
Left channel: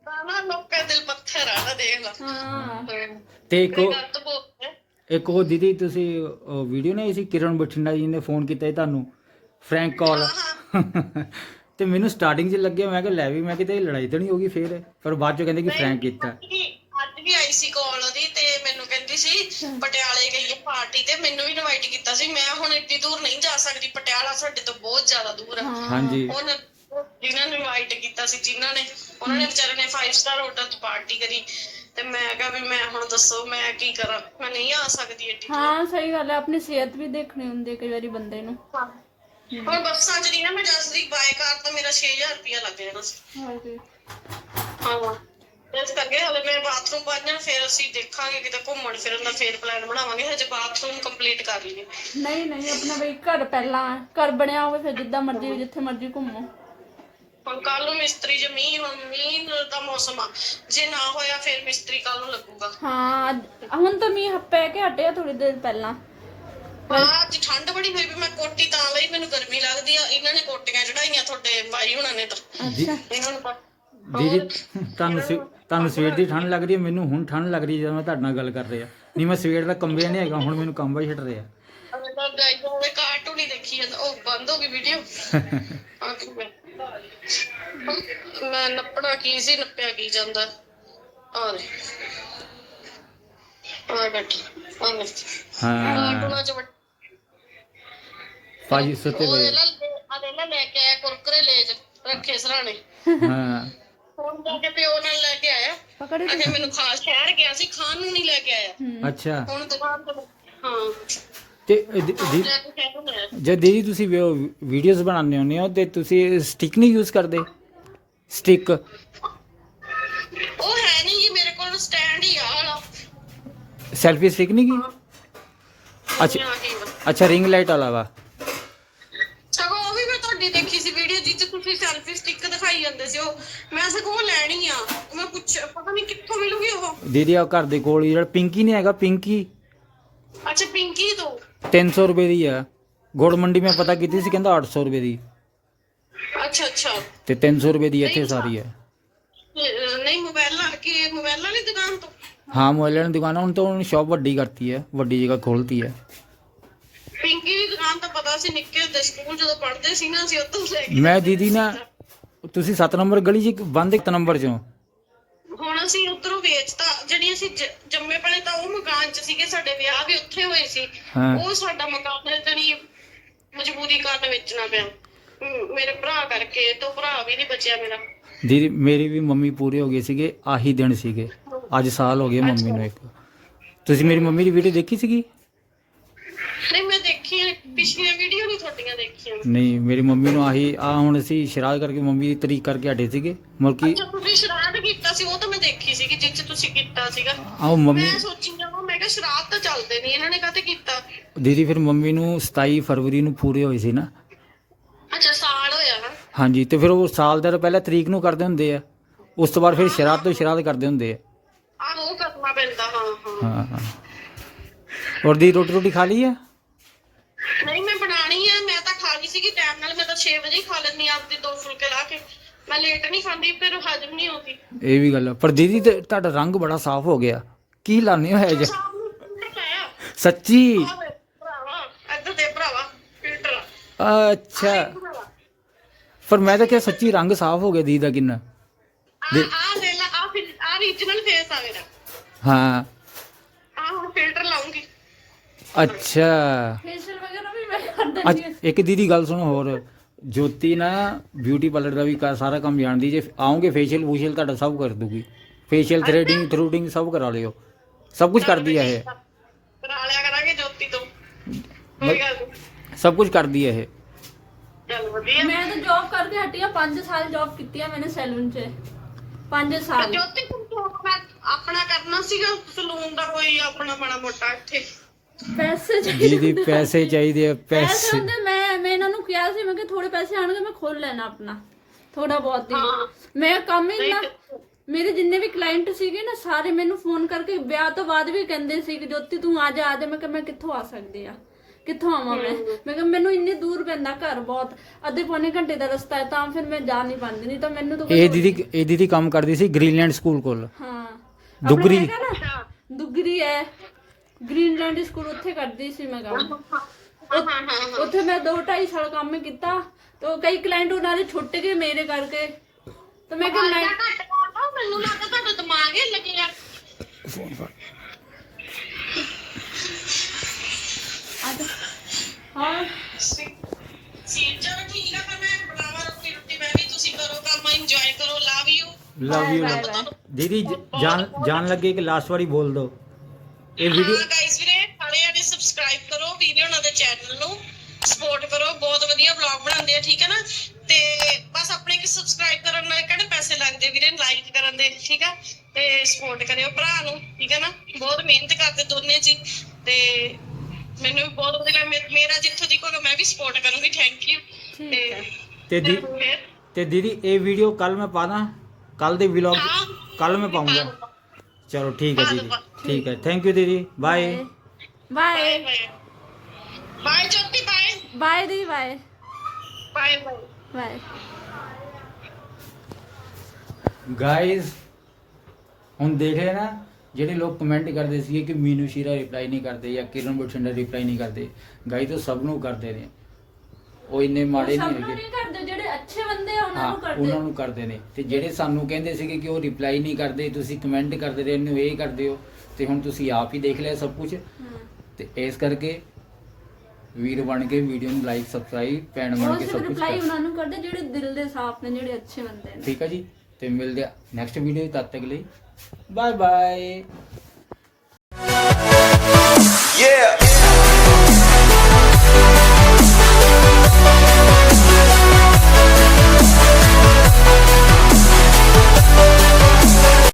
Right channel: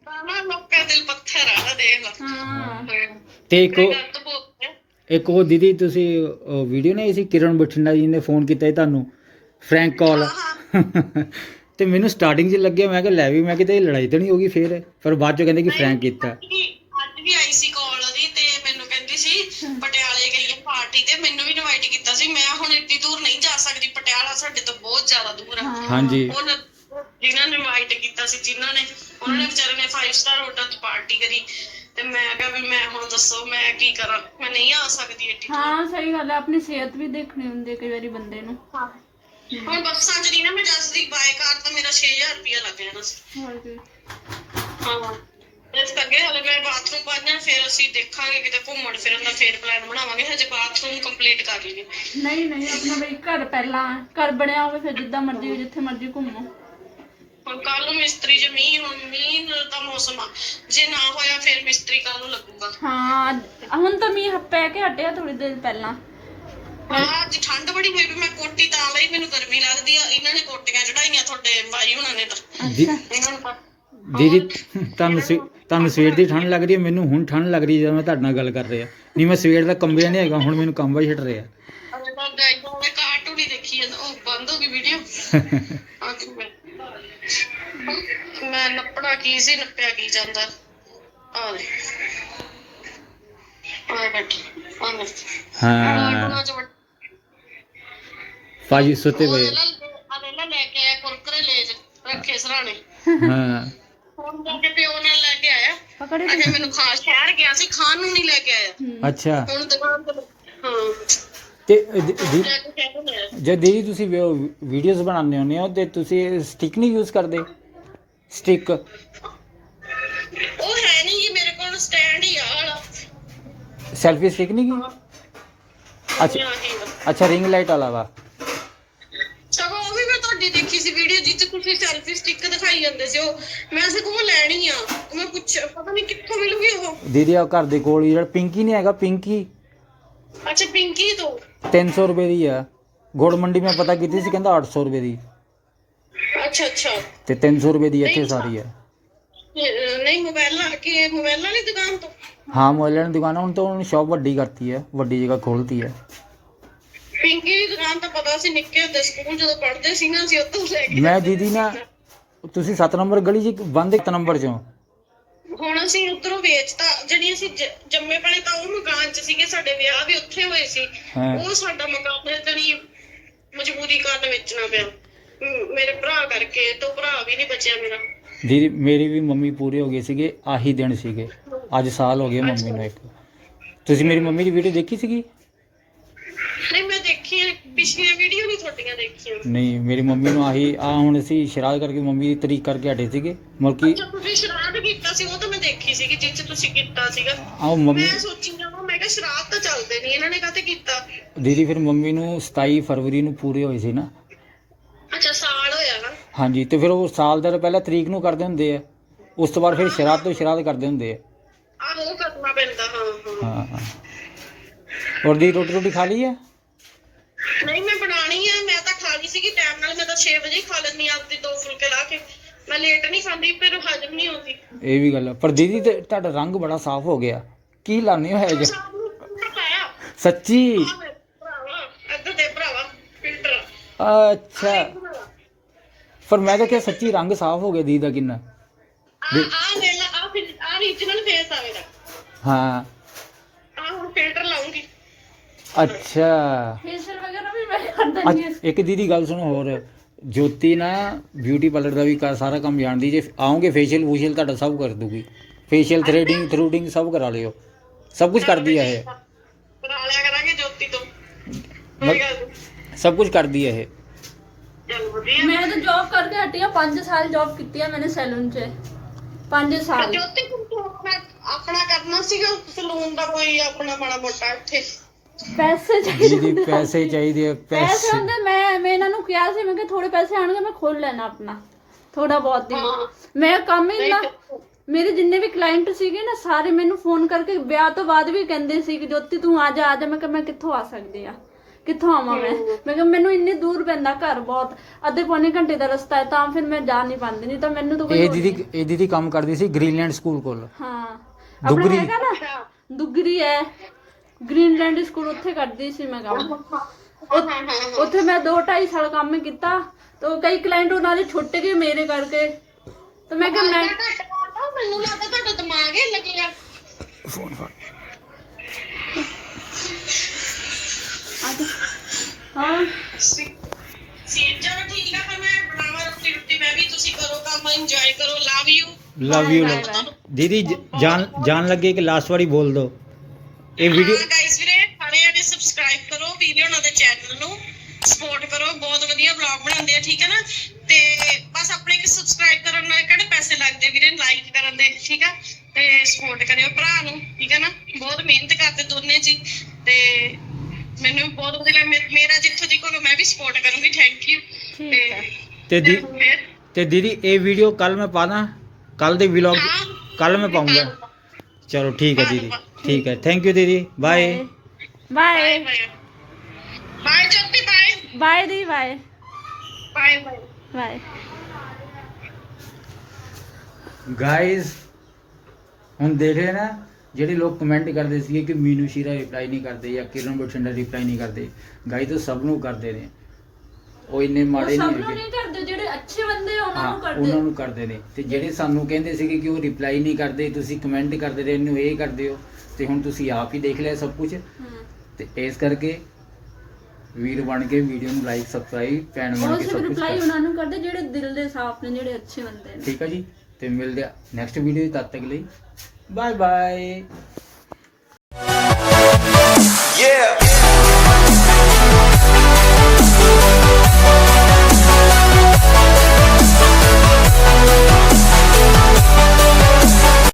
Speaker 2: ਤਾਂ ਨਾ ਲੋਕਾਂ ਦੇ ਦਿਲ ਪੱਥਰ ਆ ਨਾ, ਦੇਖ ਲਾ।
Speaker 3: ਹਾਂ
Speaker 1: ਤੇ ਇੱਕ ਉਹ-
Speaker 2: ਗਲਤ ਬੋਲਦੇ।
Speaker 1: ਇੱਕ ਉਹ ਦੀਦੀ ਤੁਸੀਂ ਵੀਡੀਓ ਨਹੀਂ ਆਈ ਸੀ ਕਿਰਨ ਬਠਿੰਡਾ ਜੀ ਨੇ ਫੋਨ ਕੀਤਾ ਸੀ ਤੁਹਾਨੂੰ ਫਰੈਂਕ ਕਾਲ ਤੇ ਮੈਨੂੰ ਸਟਾਰਟਿੰਗ 'ਚ ਲੱਗਿਆ ਮੈਂ ਕਿਹਾ ਲੈ ਵੀ ਮੈਂ ਕਿਤੇ ਲੜਾਈ ਤਾਂ ਨਹੀਂ ਹੋ ਗਈ ਫੇਰ ਪਰ ਬਾਅਦ 'ਚੋਂ ਕਹਿੰਦੇ ਕਿ ਫਰੈਂਕ ਕੀਤਾ।
Speaker 2: ਅੱਜ ਵੀ ਅੱਜ ਵੀ ਆਈ ਸੀ ਕਾਲ ਉਹਦੀ ਤੇ ਮੈਨੂੰ ਕਹਿੰਦੀ ਸੀ ਪਟਿਆਲੇ ਗਈ ਹੈ ਪਾਰਟੀ ਤੇ, ਮੈਨੂੰ ਵੀ ਇਨਵਾਈਟ ਕੀਤਾ ਸੀ। ਮੈਂ ਹੁਣ ਇੱਡੀ ਦੂਰ ਨਹੀਂ ਜਾ ਸਕਦੀ, ਪਟਿਆਲਾ ਸਾਡੇ ਤੋਂ ਬਹੁਤ ਜ਼ਿਆਦਾ ਦੂਰ ਆ।
Speaker 1: ਹਾਂਜੀ
Speaker 2: ਉਹਨਾਂ ਜਿਨ੍ਹਾਂ ਨੇ ਇਨਵਾਈਟ ਕੀਤਾ ਸੀ, ਜਿਨ੍ਹਾਂ ਨੇ ਉਹਨਾਂ ਨੇ ਵਿਚਾਰੇ ਨੇ ਫਾਈਵ ਸਟਾਰ ਹੋਟਲ 'ਚ ਪਾਰਟੀ ਕਰੀ ਤੇ ਮੈਂ ਕਿਹਾ ਵੀ ਮੈਂ ਹੁਣ ਦੱਸੋ ਮੈਂ ਕੀ ਕਰਾਂ, ਮੈਂ ਨਹੀਂ ਆ ਸਕਦੀ ਏਡੀ ਦੂਰ।
Speaker 3: ਹਾਂ ਸਹੀ ਗੱਲ ਹੈ, ਆਪਣੀ ਸਿਹਤ ਵੀ ਦੇਖਣੀ ਹੁੰਦੀ ਹੈ ਕਈ ਵਾਰੀ ਬੰਦੇ ਨੂੰ।
Speaker 2: ਹੁਣ ਬੱਸਾਂ 'ਚ ਨਹੀਂ ਨਾ ਮੈਂ ਜਾ ਸਕਦੀ, ਬਾਈ ਕਾਰ ਤਾਂ ਮੇਰਾ ਛੇ ਹਜ਼ਾਰ ਰੁਪਇਆ ਲੱਗ ਜਾਣਾ ਸੀ।
Speaker 3: ਹੋਰ ਕੀ।
Speaker 2: ਹਾਂ ਇਸ ਕਰਕੇ ਹਲੇ ਮੈਂ ਬਾਥਰੂਮ ਪਾਣਾ, ਫਿਰ ਅਸੀਂ ਦੇਖਾਂਗੇ ਕਿਤੇ ਘੁੰਮਣ ਫਿਰਨ ਦਾ, ਫਿਰ ਪਲਾਨ ਬਣਾਵਾਂਗੇ। ਹਜੇ ਬਾਥਰੂਮ ਕੰਪਲੀਟ ਕਰ ਲਈਏ।
Speaker 3: ਨਹੀਂ ਨਹੀਂ ਆਪਣਾ ਬਈ ਘਰ ਪਹਿਲਾਂ ਘਰ ਬਣਿਆ ਹੋਵੇ ਫਿਰ ਜਿੱਦਾਂ ਮਰਜ਼ੀ ਜਿੱਥੇ ਮਰਜ਼ੀ ਘੁੰਮੋ।
Speaker 2: ਹੁਣ ਕੱਲ ਨੂੰ ਮਿਸਤਰੀ ਜੇ ਮੀਂਹ ਹੁਣ ਮੀਂਹ ਦਾ ਮੌਸਮ ਆ, ਜੇ ਨਾ ਹੋਇਆ ਫਿਰ ਮਿਸਤਰੀ ਕੱਲ ਨੂੰ ਲੱਗੂਗਾ।
Speaker 3: ਹਾਂ ਹੁਣ ਤਾਂ ਮੀਂਹ ਪੈ ਕੇ ਹਟਿਆ ਥੋੜੀ ਦੇਰ ਪਹਿਲਾਂ।
Speaker 2: ਹਾਂ ਅੱਜ ਠੰਡ ਬੜੀ ਹੋਈ ਵੀ, ਮੈਂ ਕੋਟੀ ਤਾਂ ਲਈ ਮੈਨੂੰ ਗਰਮੀ ਲੱਗਦੀ ਆ। ਇਹਨਾਂ ਨੇ ਕੋਟੀਆਂ ਚੜਾਈਆਂ ਤੁਹਾਡੇ ਬਾਈ ਹੁਣਾਂ ਨੇ ਤਾਂ।
Speaker 3: ਅੱਛਾ
Speaker 2: ਇਹਨਾਂ ਨੂੰ ਤਾਂ
Speaker 1: ਦੀਦੀ ਤੁਹਾਨੂੰ ਸਵੇ- ਤੁਹਾਨੂੰ ਸਵੇਰ ਦੀ ਠੰਡ ਲੱਗ ਰਹੀ ਹੈ, ਮੈਨੂੰ ਹੁਣ ਠੰਡ ਲੱਗ ਰਹੀ ਹੈ ਜਦੋਂ ਮੈਂ ਤੁਹਾਡੇ ਨਾਲ ਗੱਲ ਕਰ ਰਿਹਾ। ਨਹੀਂ ਮੈਂ ਸਵੇਰ ਦਾ ਕੰਬਿਆ ਨਹੀਂ ਹੈਗਾ, ਹੁਣ ਮੈਨੂੰ ਕੰਬਾ ਹੀ ਛੱਡ ਰਿਹਾ।
Speaker 2: ਅਰੇ ਤਾਂ ਗਾਇਸ ਹੋਵੇ ਕਾਰਟੂਨ ਹੀ ਦੇਖੀ ਜਾਂਦਾ। ਉਹ ਬੰਦ ਹੋ ਗਈ ਵੀਡੀਓ। ਮੈਂ ਨੱਪਣਾ ਕੀ ਸੀ, ਨੱਪਿਆ ਕੀ ਜਾਂਦਾ। ਆ ਦੇ ਆ ਬੈਠੀ ਆ ਲੈ
Speaker 1: ਹਾਂ
Speaker 2: ਕਾਰਟੂਨਾਂ ਚ ਵੱਡ-
Speaker 1: ਭਾਜੀ ਸੁੱਤੇ
Speaker 2: ਉਹ
Speaker 1: ਪਏ।
Speaker 2: ਲੈ ਆ ਲੈ ਲੈ ਲੈ ਕੇ ਆਇਆ ਕੁਰਕਰੇ ਲੈ ਜ ਰੱਖੇ ਸਰਾਣੇ।
Speaker 1: ਹਾਂ
Speaker 2: ਹੁਣ ਜਾ ਕੇ ਪਿਓ ਨਾਲ ਲੈ ਕੇ ਆਇਆ।
Speaker 3: ਪਕੜੇ
Speaker 2: ਅਜੇ ਮੈਨੂੰ ਖਾ ਸ਼ਹਿਰ ਗਿਆ ਸੀ, ਖਾਣ ਨੂੰ ਨਹੀਂ ਲੈ ਕੇ ਆਇਆ।
Speaker 1: ਅੱਛਾ
Speaker 2: ਹੁਣ ਦੁਕਾਨ ਤੇ ਹਾਂ
Speaker 1: ਤੇ ਦੀ- ਦੀ-
Speaker 2: ਜਾ ਕੇ ਸ਼ਹਿਰੋਂ ਲੈ ਆਇਆ।
Speaker 1: ਜਦ ਦੀਦੀ ਤੁਸੀਂ ਵੀਡੀਓਜ਼ ਬਣਾਉਂਦੇ ਹੁੰਦੇ ਹੋ ਤੇ ਤੁਸੀਂ ਸਟਿਕ ਨਹੀਂ ਯੂਜ਼ ਕਰਦੇ? ਸਟਿਕ
Speaker 2: ਉਹ ਹੈ ਨਹੀਂ ਜੀ ਮੇਰੇ ਕੋਲ, ਸਟੈਂਡ ਹੀ ਆ ਵਾਲਾ।
Speaker 1: ਸੈਲਫੀ ਸਟਿਕ ਨਹੀਂ ਕੀ? ਅੱਛਾ
Speaker 2: ਆ ਗਈ ਵਾ।
Speaker 1: ਅੱਛਾ ਰਿੰਗ ਲਾਈਟ ਵਾਲਾ ਵਾ।
Speaker 2: ਸਗੋਂ ਉਹ ਵੀ ਮੈਂ ਤੁਹਾਡੀ ਦੇਖੀ ਸੀ ਵੀਡੀਓ ਜਿੱਥੇ ਤੁਸੀਂ ਸੈਲਫੀ ਸਟਿਕ ਦਿਖਾਈ ਜਾਂਦੇ ਸੀ। ਉਹ ਮੈਂ ਸਗੋਂ ਉਹ ਲੈਣੀ ਆ। ਉਹ ਮੈਂ ਪੁੱਛ ਪਤਾ ਨਹੀਂ ਕਿੱਥੋਂ ਮਿਲੂਗੀ ਉਹ।
Speaker 1: ਦੀਦੀ ਆ ਘਰ ਦੇ ਕੋਲ ਹੀ ਜਿਹੜਾ ਪਿੰਕੀ ਨਹੀਂ ਹੈਗਾ, ਪਿੰਕੀ
Speaker 2: ਅੱਛਾ ਪਿੰਕੀ ਤੋਂ।
Speaker 1: ਤਿੰਨ ਸੌ ਰੁਪਏ ਦੀ ਆ। ਗੁੜ ਮੰਡੀ ਮੈਂ ਪਤਾ ਕੀਤੀ ਸੀ, ਕਹਿੰਦਾ ਅੱਠ ਸੌ ਰੁਪਏ ਦੀ,
Speaker 2: ਅੱਛਾ ਅੱਛਾ
Speaker 1: ਤੇ ਤਿੰਨ ਸੌ ਰੁਪਏ ਦੀ ਇੱਥੇ ਸਾਰੀ ਆ।
Speaker 2: ਇਹ- ਨਹੀਂ ਮੋਬਾਈਲਾਂ ਕੀ ਮੋਬਾਈਲਾਂ ਵਾਲੀ ਦੁਕਾਨ ਤੋਂ।
Speaker 1: ਹਾਂ ਮੋਬਾਈਲਾਂ ਦੀ ਦੁਕਾਨ ਆ, ਹੁਣ ਤਾਂ ਉਹਨੇ ਸ਼ਾਪ ਵੱਡੀ ਕਰਤੀ ਹੈ, ਵੱਡੀ ਜਗ੍ਹਾ ਖੋਲਤੀ ਹੈ।
Speaker 2: ਪਿੰਕੀ ਦੀ ਦੁਕਾਨ ਤਾਂ ਪਤਾ ਸੀ, ਨਿੱਕੇ ਹੁੰਦੇ ਸਕੂਲ ਜਦੋਂ ਪੜ੍ਹਦੇ ਸੀ ਨਾ ਅਸੀਂ ਉੱਥੋਂ ਲੈ ਕੇ
Speaker 1: ਮੈਂ
Speaker 2: ਜਾਂਦੇ
Speaker 1: ਦੀਦੀ
Speaker 2: ਸੀ।
Speaker 1: ਨਾ ਤੁਸੀਂ ਸੱਤ ਨੰਬਰ ਗਲੀ 'ਚ ਬੰਦ ਇੱਕ ਨੰਬਰ 'ਚੋਂ
Speaker 2: ਹੁਣ ਅਸੀਂ ਉਧਰੋਂ ਵੇਚਤਾ। ਜਿਹੜੀ ਅਸੀਂ ਜ- ਜੰਮੇ ਪਲੇ ਤਾਂ ਉਹ ਮਕਾਨ 'ਚ ਸੀਗੇ, ਸਾਡੇ ਵਿਆਹ ਵੀ ਉੱਥੇ ਹੋਏ ਸੀ।
Speaker 1: ਹਾਂ।
Speaker 2: ਉਹ ਸਾਡਾ ਮਕਾਨ ਹੈ ਜਣੀ ਮਜਬੂਰੀ ਕਾਰਨ ਵੇਚਣਾ ਪਿਆ। ਮ- ਮੇਰੇ ਭਰਾ ਕਰਕੇ, ਤੋਂ ਭਰਾ ਵੀ ਨਹੀਂ ਬਚਿਆ ਮੇਰਾ।
Speaker 1: ਦੀਦੀ ਮੇਰੀ ਵੀ ਮੰਮੀ ਪੂਰੇ ਹੋ ਗਏ ਸੀਗੇ, ਆਹੀ ਦਿਨ ਸੀਗੇ। ਅੱਜ ਸਾਲ ਹੋ ਗਏ ਮੰਮੀ ਨੂੰ ਇੱਕ। ਤੁਸੀਂ ਮੇਰੀ ਮੰਮੀ ਦੀ ਵੀਡੀਓ ਦੇਖੀ ਸੀਗੀ?
Speaker 2: ਨਹੀਂ ਮੈਂ ਦੇਖੀ ਪਿਛਲੀਆਂ ਵੀਡੀਓ ਨਹੀਂ ਤੁਹਾਡੀਆਂ ਦੇਖੀਆਂ।
Speaker 1: ਨਹੀਂ ਮੇਰੀ ਮੰਮੀ ਨੂੰ ਆਹੀ ਆ ਹੁਣ ਅਸੀਂ ਸ਼ਰਾਧ ਕਰਕੇ ਮੰਮੀ ਦੀ ਤਰੀਕ ਕਰਕੇ ਹਟੇ ਸੀਗੇ, ਮਤਲਬ ਕਿ
Speaker 2: ਅੱਛਾ ਤੁਸੀਂ ਸ਼ਰਾਧ ਕੀਤਾ ਸੀ, ਉਹ ਤਾਂ ਮੈਂ ਦੇਖੀ ਸੀਗੀ ਜਿਸ 'ਚ ਤੁਸੀਂ ਕੀਤਾ ਸੀਗਾ।
Speaker 1: ਆਹ ਮੰਮੀ
Speaker 2: ਮੈਂ ਸੋਚੀ ਜਾਵਾਂ, ਮੈਂ ਕਿਹਾ ਸ਼ਰਾਧ ਤਾਂ ਚੱਲਦੇ ਨਹੀਂ, ਇਹਨਾਂ ਨੇ ਕਾਹਤੇ ਕੀਤਾ।
Speaker 1: ਦੀਦੀ ਫਿਰ ਮੰਮੀ ਨੂੰ ਸਤਾਈ ਫਰਵਰੀ ਨੂੰ ਪੂਰੇ ਹੋਏ ਸੀ ਨਾ।
Speaker 2: ਅੱਛਾ ਸਾਲ ਹੋਇਆ ਨਾ।
Speaker 1: ਹਾਂਜੀ ਤੇ ਫਿਰ ਉਹ ਸਾਲ ਦੇ ਪਹਿਲਾਂ ਤਰੀਕ ਨੂੰ ਕਰਦੇ ਹੁੰਦੇ ਆ, ਉਸ ਤੋਂ ਬਾਅਦ ਫਿਰ ਸ਼ਰਾਧ ਤੋਂ ਸ਼ਰਾਧ ਕਰਦੇ ਹੁੰਦੇ ਆ।
Speaker 2: ਆਹ ਉਹ ਕਰਨਾ ਪੈਂਦਾ। ਹਾਂ ਹਾਂ
Speaker 1: ਹਾਂ ਹਾਂ ਔਰ ਦੀ ਰੋਟੀ ਰੋਟੀ ਖਾ ਲਈ ਆ?
Speaker 2: ਨਹੀਂ ਮੈਂ ਬਣਾਣੀ ਹੈ, ਮੈਂ ਤਾਂ ਖਾ ਲਈ ਸੀਗੀ ਟਾਈਮ ਨਾਲ। ਮੈਂ ਤਾਂ ਛੇ ਵਜੇ ਹੀ ਖਾ ਲੈਂਦੀ ਆ ਆਪਦੇ ਦੋ ਫੁਲਕੇ ਲਾ ਕੇ। ਮੈਂ ਲੇਟ ਨਹੀਂ ਖਾਂਦੀ, ਫਿਰ ਹਜਮ ਨਹੀਂ ਆਉਂਦੀ।
Speaker 1: ਇਹ ਵੀ ਗੱਲ ਆ। ਪਰ ਦੀਦੀ ਤੇ ਤੁਹਾਡਾ ਰੰਗ ਬੜਾ ਸਾਫ਼ ਹੋ ਗਿਆ, ਕੀ ਲਾਉਂਦੇ ਹੋ ਇਹ ਜਿਹਾ?
Speaker 2: ਸ਼ਾਮ ਨੂੰ ਫਿਲਟਰ ਪਾਇਆ।
Speaker 1: ਸੱਚੀ?
Speaker 2: ਆਹ ਵੇ ਭਰਾਵਾ, ਇੱਧਰ ਦੇ ਭਰਾਵਾ ਫਿਲਟਰ।
Speaker 1: ਅੱਛਾ ਪਰ ਮੈਂ ਤਾਂ ਕਿਹਾ ਸੱਚੀ ਰੰਗ ਸਾਫ਼ ਹੋ ਗਿਆ ਦੀਦੀ ਦਾ ਕਿੰਨਾ।
Speaker 2: ਆ ਆ ਲੈ ਲਾ, ਆ ਫਿਰ ਆ ਰੀਜਨਲ ਫੇਸ ਆ ਮੇਰਾ।
Speaker 1: ਹਾਂ
Speaker 2: ਆ ਹੁਣ ਫਿਲਟਰ ਲਾਉਂਗੀ।
Speaker 1: ਅੱਛਾ
Speaker 3: ਫੇਸ਼ੀਅਲ ਵਗੈਰਾ ਵੀ ਮੈਂ ਕਰ ਦਿੰਦੀ
Speaker 1: ਅੱਛਾ ਇੱਕ ਦੀਦੀ ਗੱਲ ਸੁਣੋ ਹੋਰ, ਜੋਤੀ ਨਾ ਬਿਊਟੀ ਪਾਰਲਰ ਦਾ ਵੀ ਕਰ ਸਾਰਾ ਕੰਮ ਜਾਣਦੀ। ਜੇ ਆਓਗੇ ਫੇਸ਼ੀਅਲ ਫੂਸ਼ੀਅਲ ਤੁਹਾਡਾ ਸਭ ਕਰ ਦੂਗੀ, ਫੇਸ਼ੀਅਲ ਥ੍ਰੈਡਿੰਗ ਥਰੂਡਿੰਗ ਸਭ ਕਰਾ ਲਿਓ, ਸਭ ਕੁਝ ਕਰਦੀ ਆ ਇਹ।
Speaker 2: ਕਰਾ ਲਿਆ ਕਰਾਂਗੇ ਜੋਤੀ ਤੋਂ। ਕੋਈ ਗੱਲ ਨੀ।
Speaker 1: ਸਭ ਕੁਝ ਕਰਦੀ ਆ ਇਹ।
Speaker 2: ਚੱਲ ਵਧੀਆ।
Speaker 3: ਮੈਂ ਤਾਂ ਜੌਬ ਕਰਕੇ ਹਟੀ ਆ, ਪੰਜ ਸਾਲ ਜੌਬ ਕੀਤੀ ਆ ਮੈंने ਸੈਲੂਨ 'ਚ। ਪੰਜ ਸਾਲ।
Speaker 2: ਜੋਤੀ ਤੂੰ ਮੈਂ ਆਪਣਾ ਕਰਨਾ ਸੀਗਾ ਸਲੂਨ ਦਾ, ਕੋਈ ਆਪਣਾ ਮਾੜਾ ਮੋਟਾ ਇੱਥੇ।
Speaker 3: ਪੈਸੇ ਚਾਹੀਦੇ
Speaker 1: ਦੀਦੀ ਪੈਸੇ ਚਾਹੀਦੇ ਆ,
Speaker 3: ਪੈਸੇ
Speaker 1: ਪੈਸੇ।
Speaker 3: ਹੁੰਦੇ। ਮੈਂ ਮੈਂ ਇਹਨਾਂ ਨੂੰ ਕਿਹਾ ਸੀ, ਮੈਂ ਕਿਹਾ ਥੋੜੇ ਪੈਸੇ ਆਣਗੇ ਮੈਂ ਖੋਲ ਲੈਣਾ ਆਪਣਾ ਥੋੜਾ ਬਹੁਤ ਹੀ। ਮੈਂ ਕੰਮ ਹੀ ਨਾ, ਮੇਰੇ ਜਿੰਨੇ ਵੀ ਕਲਾਇੰਟ ਸੀਗੇ ਨਾ ਸਾਰੇ ਮੈਨੂੰ ਫੋਨ ਕਰਕੇ ਵਿਆਹ ਤੋਂ ਬਾਅਦ ਵੀ ਕਹਿੰਦੇ ਸੀ ਕਿ ਜੋਤੀ ਤੂੰ ਆ ਜਾ ਆ ਜਾ। ਮੈਂ ਕਿਹਾ ਮੈਂ ਕਿੱਥੋਂ ਆ ਸਕਦੀ ਆ, ਕਿੱਥੋਂ ਆਵਾਂ ਮੈਂ ਮੈਂ ਕਿਹਾ ਮੈਨੂੰ ਇੰਨੀ ਦੂਰ ਪੈਂਦਾ ਘਰ ਬਹੁਤ ਅੱਧੇ ਪੌਣੇ ਘੰਟੇ ਦਾ ਰਸਤਾ ਹੈ ਤਾਂ ਫਿਰ ਮੈਂ ਜਾ ਨਹੀਂ ਪਾਉਂਦੀ ਨਹੀਂ ਤਾਂ ਮੈਨੂੰ ਤਾਂ ਕੋਈ
Speaker 1: ਇਹ
Speaker 3: ਲੋੜ
Speaker 1: ਦੀਦੀ ਇਹ ਦੀਦੀ ਕੰਮ ਕਰਦੀ ਸੀ ਗ੍ਰੀਨਲੈਂਡ ਸਕੂਲ ਕੋਲ।
Speaker 3: ਹਾਂ
Speaker 1: ਦੁੱਗਰੀ।
Speaker 3: ਆਪਣਾ ਹੈਗਾ ਨਾ ਦੁੱਗਰੀ ਹੈ ਗ੍ਰੀਨਲੈਂਡ ਸਕੂਲ ਉੱਥੇ ਕਰਦੀ ਸੀ ਮੈਂ ਕੰਮ ਉ- ਉੱਥੇ ਮੈਂ ਦੋ ਢਾਈ ਸਾਲ ਕੰਮ ਕੀਤਾ ਤੇ ਕਈ ਕਲਾਇੰਟ ਉਹਨਾਂ ਦੇ ਛੁੱਟ ਗਏ ਮੇਰੇ ਕਰਕੇ ਤੇ ਮੈਂ ਕਿਹਾ ਮੈਂ
Speaker 2: ਮੈਨੂੰ ਲੱਗਦਾ ਤੁਹਾਡਾ ਦਿਮਾਗ ਹੀ ਲੱਗਿਆ
Speaker 1: ਫੋਨ ਫੜ।
Speaker 3: ਹਾਂ
Speaker 2: ਸੀ ਚਲੋ ਠੀਕ ਆ ਫਿਰ ਮੈਂ ਬਣਾਵਾ ਰੋਟੀ ਰੋਟੀ ਮੈਂ ਵੀ ਤੁਸੀਂ ਕਰੋ ਕੰਮ ਇੰਜੋਏ ਕਰੋ love you
Speaker 1: love you
Speaker 3: Bye, bye, bye.
Speaker 1: ਦੀਦੀ ਜ- ਜਾਣ ਜਾਣ ਲੱਗੇ ਕਿ ਲਾਸਟ ਵਾਰੀ ਬੋਲ ਦੋ ਇਹ ਵੀਡੀਓ।
Speaker 2: ਹਾਂ ਗਾਇਸ ਵੀਰੇ ਸਾਰਿਆਂ ਨੇ ਸਬਸਕ੍ਰਾਈਬ ਕਰੋ ਵੀਰੇ ਉਹਨਾਂ ਦੇ ਚੈਨਲ ਨੂੰ ਸਪੋਰਟ ਕਰੋ ਬਹੁਤ ਵਧੀਆ ਵਲੌਗ ਬਣਾਉਂਦੇ ਆ ਠੀਕ ਹੈ ਨਾ ਤੇ ਬਸ ਆਪਣੇ ਇੱਕ ਸਬਸਕ੍ਰਾਈਬ ਕਰਨ ਨਾਲ ਕਿਹੜੇ ਪੈਸੇ ਲੱਗਦੇ ਵੀਰੇ ਲਾਈਕ ਕਰਨ ਦੇ ਠੀਕ ਆ ਤੇ ਸਪੋਰਟ ਕਰਿਓ ਭਰਾ ਨੂੰ ਠੀਕ ਹੈ ਨਾ ਬਹੁਤ ਮਿਹਨਤ ਕਰਦੇ ਦੋਨੇ ਜੀ ਤੇ ਮੈਨੂੰ ਵੀ ਬਹੁਤ ਵਧੀਆ ਲੱਗਾ ਮੇਰਾ ਜਿੱਥੋਂ ਦੀ ਕੋਈ ਮੈਂ ਵੀ ਸਪੋਰਟ ਕਰੂੰਗੀ ਥੈਂਕ ਯੂ
Speaker 3: ਠੀਕ ਹੈ
Speaker 1: ਤੇ ਦੀ ਤੇ ਦੀਦੀ ਇਹ ਵੀਡੀਓ ਕੱਲ ਮੈਂ ਪਾ ਦਾਂ ਕੱਲ ਦੇ ਵਲੌਗ ਕੱਲ ਮੈਂ ਪਾਉਂਗਾ। ਚਲੋ ਠੀਕ ਹੈ ਦੀਦੀ ਠੀਕ ਹੈ ਥੈਂਕ ਯੂ ਦੀਦੀ bye
Speaker 3: bye
Speaker 2: bye bye Jyoti bye
Speaker 3: bye ਦੀ bye
Speaker 2: bye bye
Speaker 3: bye
Speaker 1: guys ਹੁਣ ਦੇਖ ਰਹੇ ਨਾ ਜਿਹੜੇ ਲੋਕ ਕਮੈਂਟ ਕਰਦੇ ਸੀ ਕਿ ਮੀਨੂ ਸ਼ੀਰਾ ਰਿਪਲਾਈ ਨਹੀਂ ਕਰਦੇ ਜਾਂ ਕਿਰਨ ਬਠਿੰਡਾ ਰਿਪਲਾਈ ਨਹੀਂ ਕਰਦੇ ਗਾਇਜ਼ ਉਹ ਸਭ ਨੂੰ ਕਰਦੇ ਨੇ ਉਹ ਇੰਨੇ ਮਾੜੇ
Speaker 3: ਸਭ
Speaker 1: ਨਹੀਂ
Speaker 3: ਨੂੰ
Speaker 1: ਹੈਗੇ।
Speaker 3: ਨਹੀਂ ਕਰਦੇ ਜਿਹੜੇ ਅੱਛੇ ਬੰਦੇ ਆ ਉਹਨਾਂ
Speaker 1: ਹਾਂ
Speaker 3: ਨੂੰ ਕਰਦੇ
Speaker 1: ਉਹਨਾਂ ਨੂੰ ਕਰਦੇ ਨੇ ਤੇ ਜਿਹੜੇ ਸਾਨੂੰ ਕਹਿੰਦੇ ਸੀਗੇ ਕਿ ਉਹ ਰਿਪਲਾਈ ਨਹੀਂ ਕਰਦੇ ਤੁਸੀਂ ਕਮੈਂਟ ਕਰਦੇ ਰਹਿੰਦੇ ਹੋ ਇਹ ਕਰਦੇ ਹੋ ਤੇ ਹੁਣ ਤੁਸੀਂ ਆਪ ਹੀ ਦੇਖ ਲਿਆ ਸਭ ਕੁਝ
Speaker 3: ਹਮ।
Speaker 1: ਤੇ ਇਸ ਕਰਕੇ ਵੀਰ ਬਣ ਕੇ ਵੀਡੀਓ ਨੂੰ ਲਾਈਕ ਸਬਸਕ੍ਰਾਈਬ ਪੈਣ ਬਣ
Speaker 3: ਉਹ
Speaker 1: ਕੇ
Speaker 3: ਸਿਰਫ
Speaker 1: ਸਭ ਕੁਝ
Speaker 3: ਰਿਪਲਾਈ ਉਹਨਾਂ ਨੂੰ ਕਰਦੇ ਜਿਹੜੇ ਦਿਲ ਦੇ ਸਾਫ਼ ਨੇ ਜਿਹੜੇ ਅੱਛੇ ਬੰਦੇ ਨੇ
Speaker 1: ਠੀਕ ਹੈ ਜੀ ਤੇ ਮਿਲਦੇ ਨੈਕਸਟ ਵੀਡੀਓ ਤਦ ਤੱਕ ਲਈ ਬਾਏ ਬਾਏ
Speaker 4: Yeah.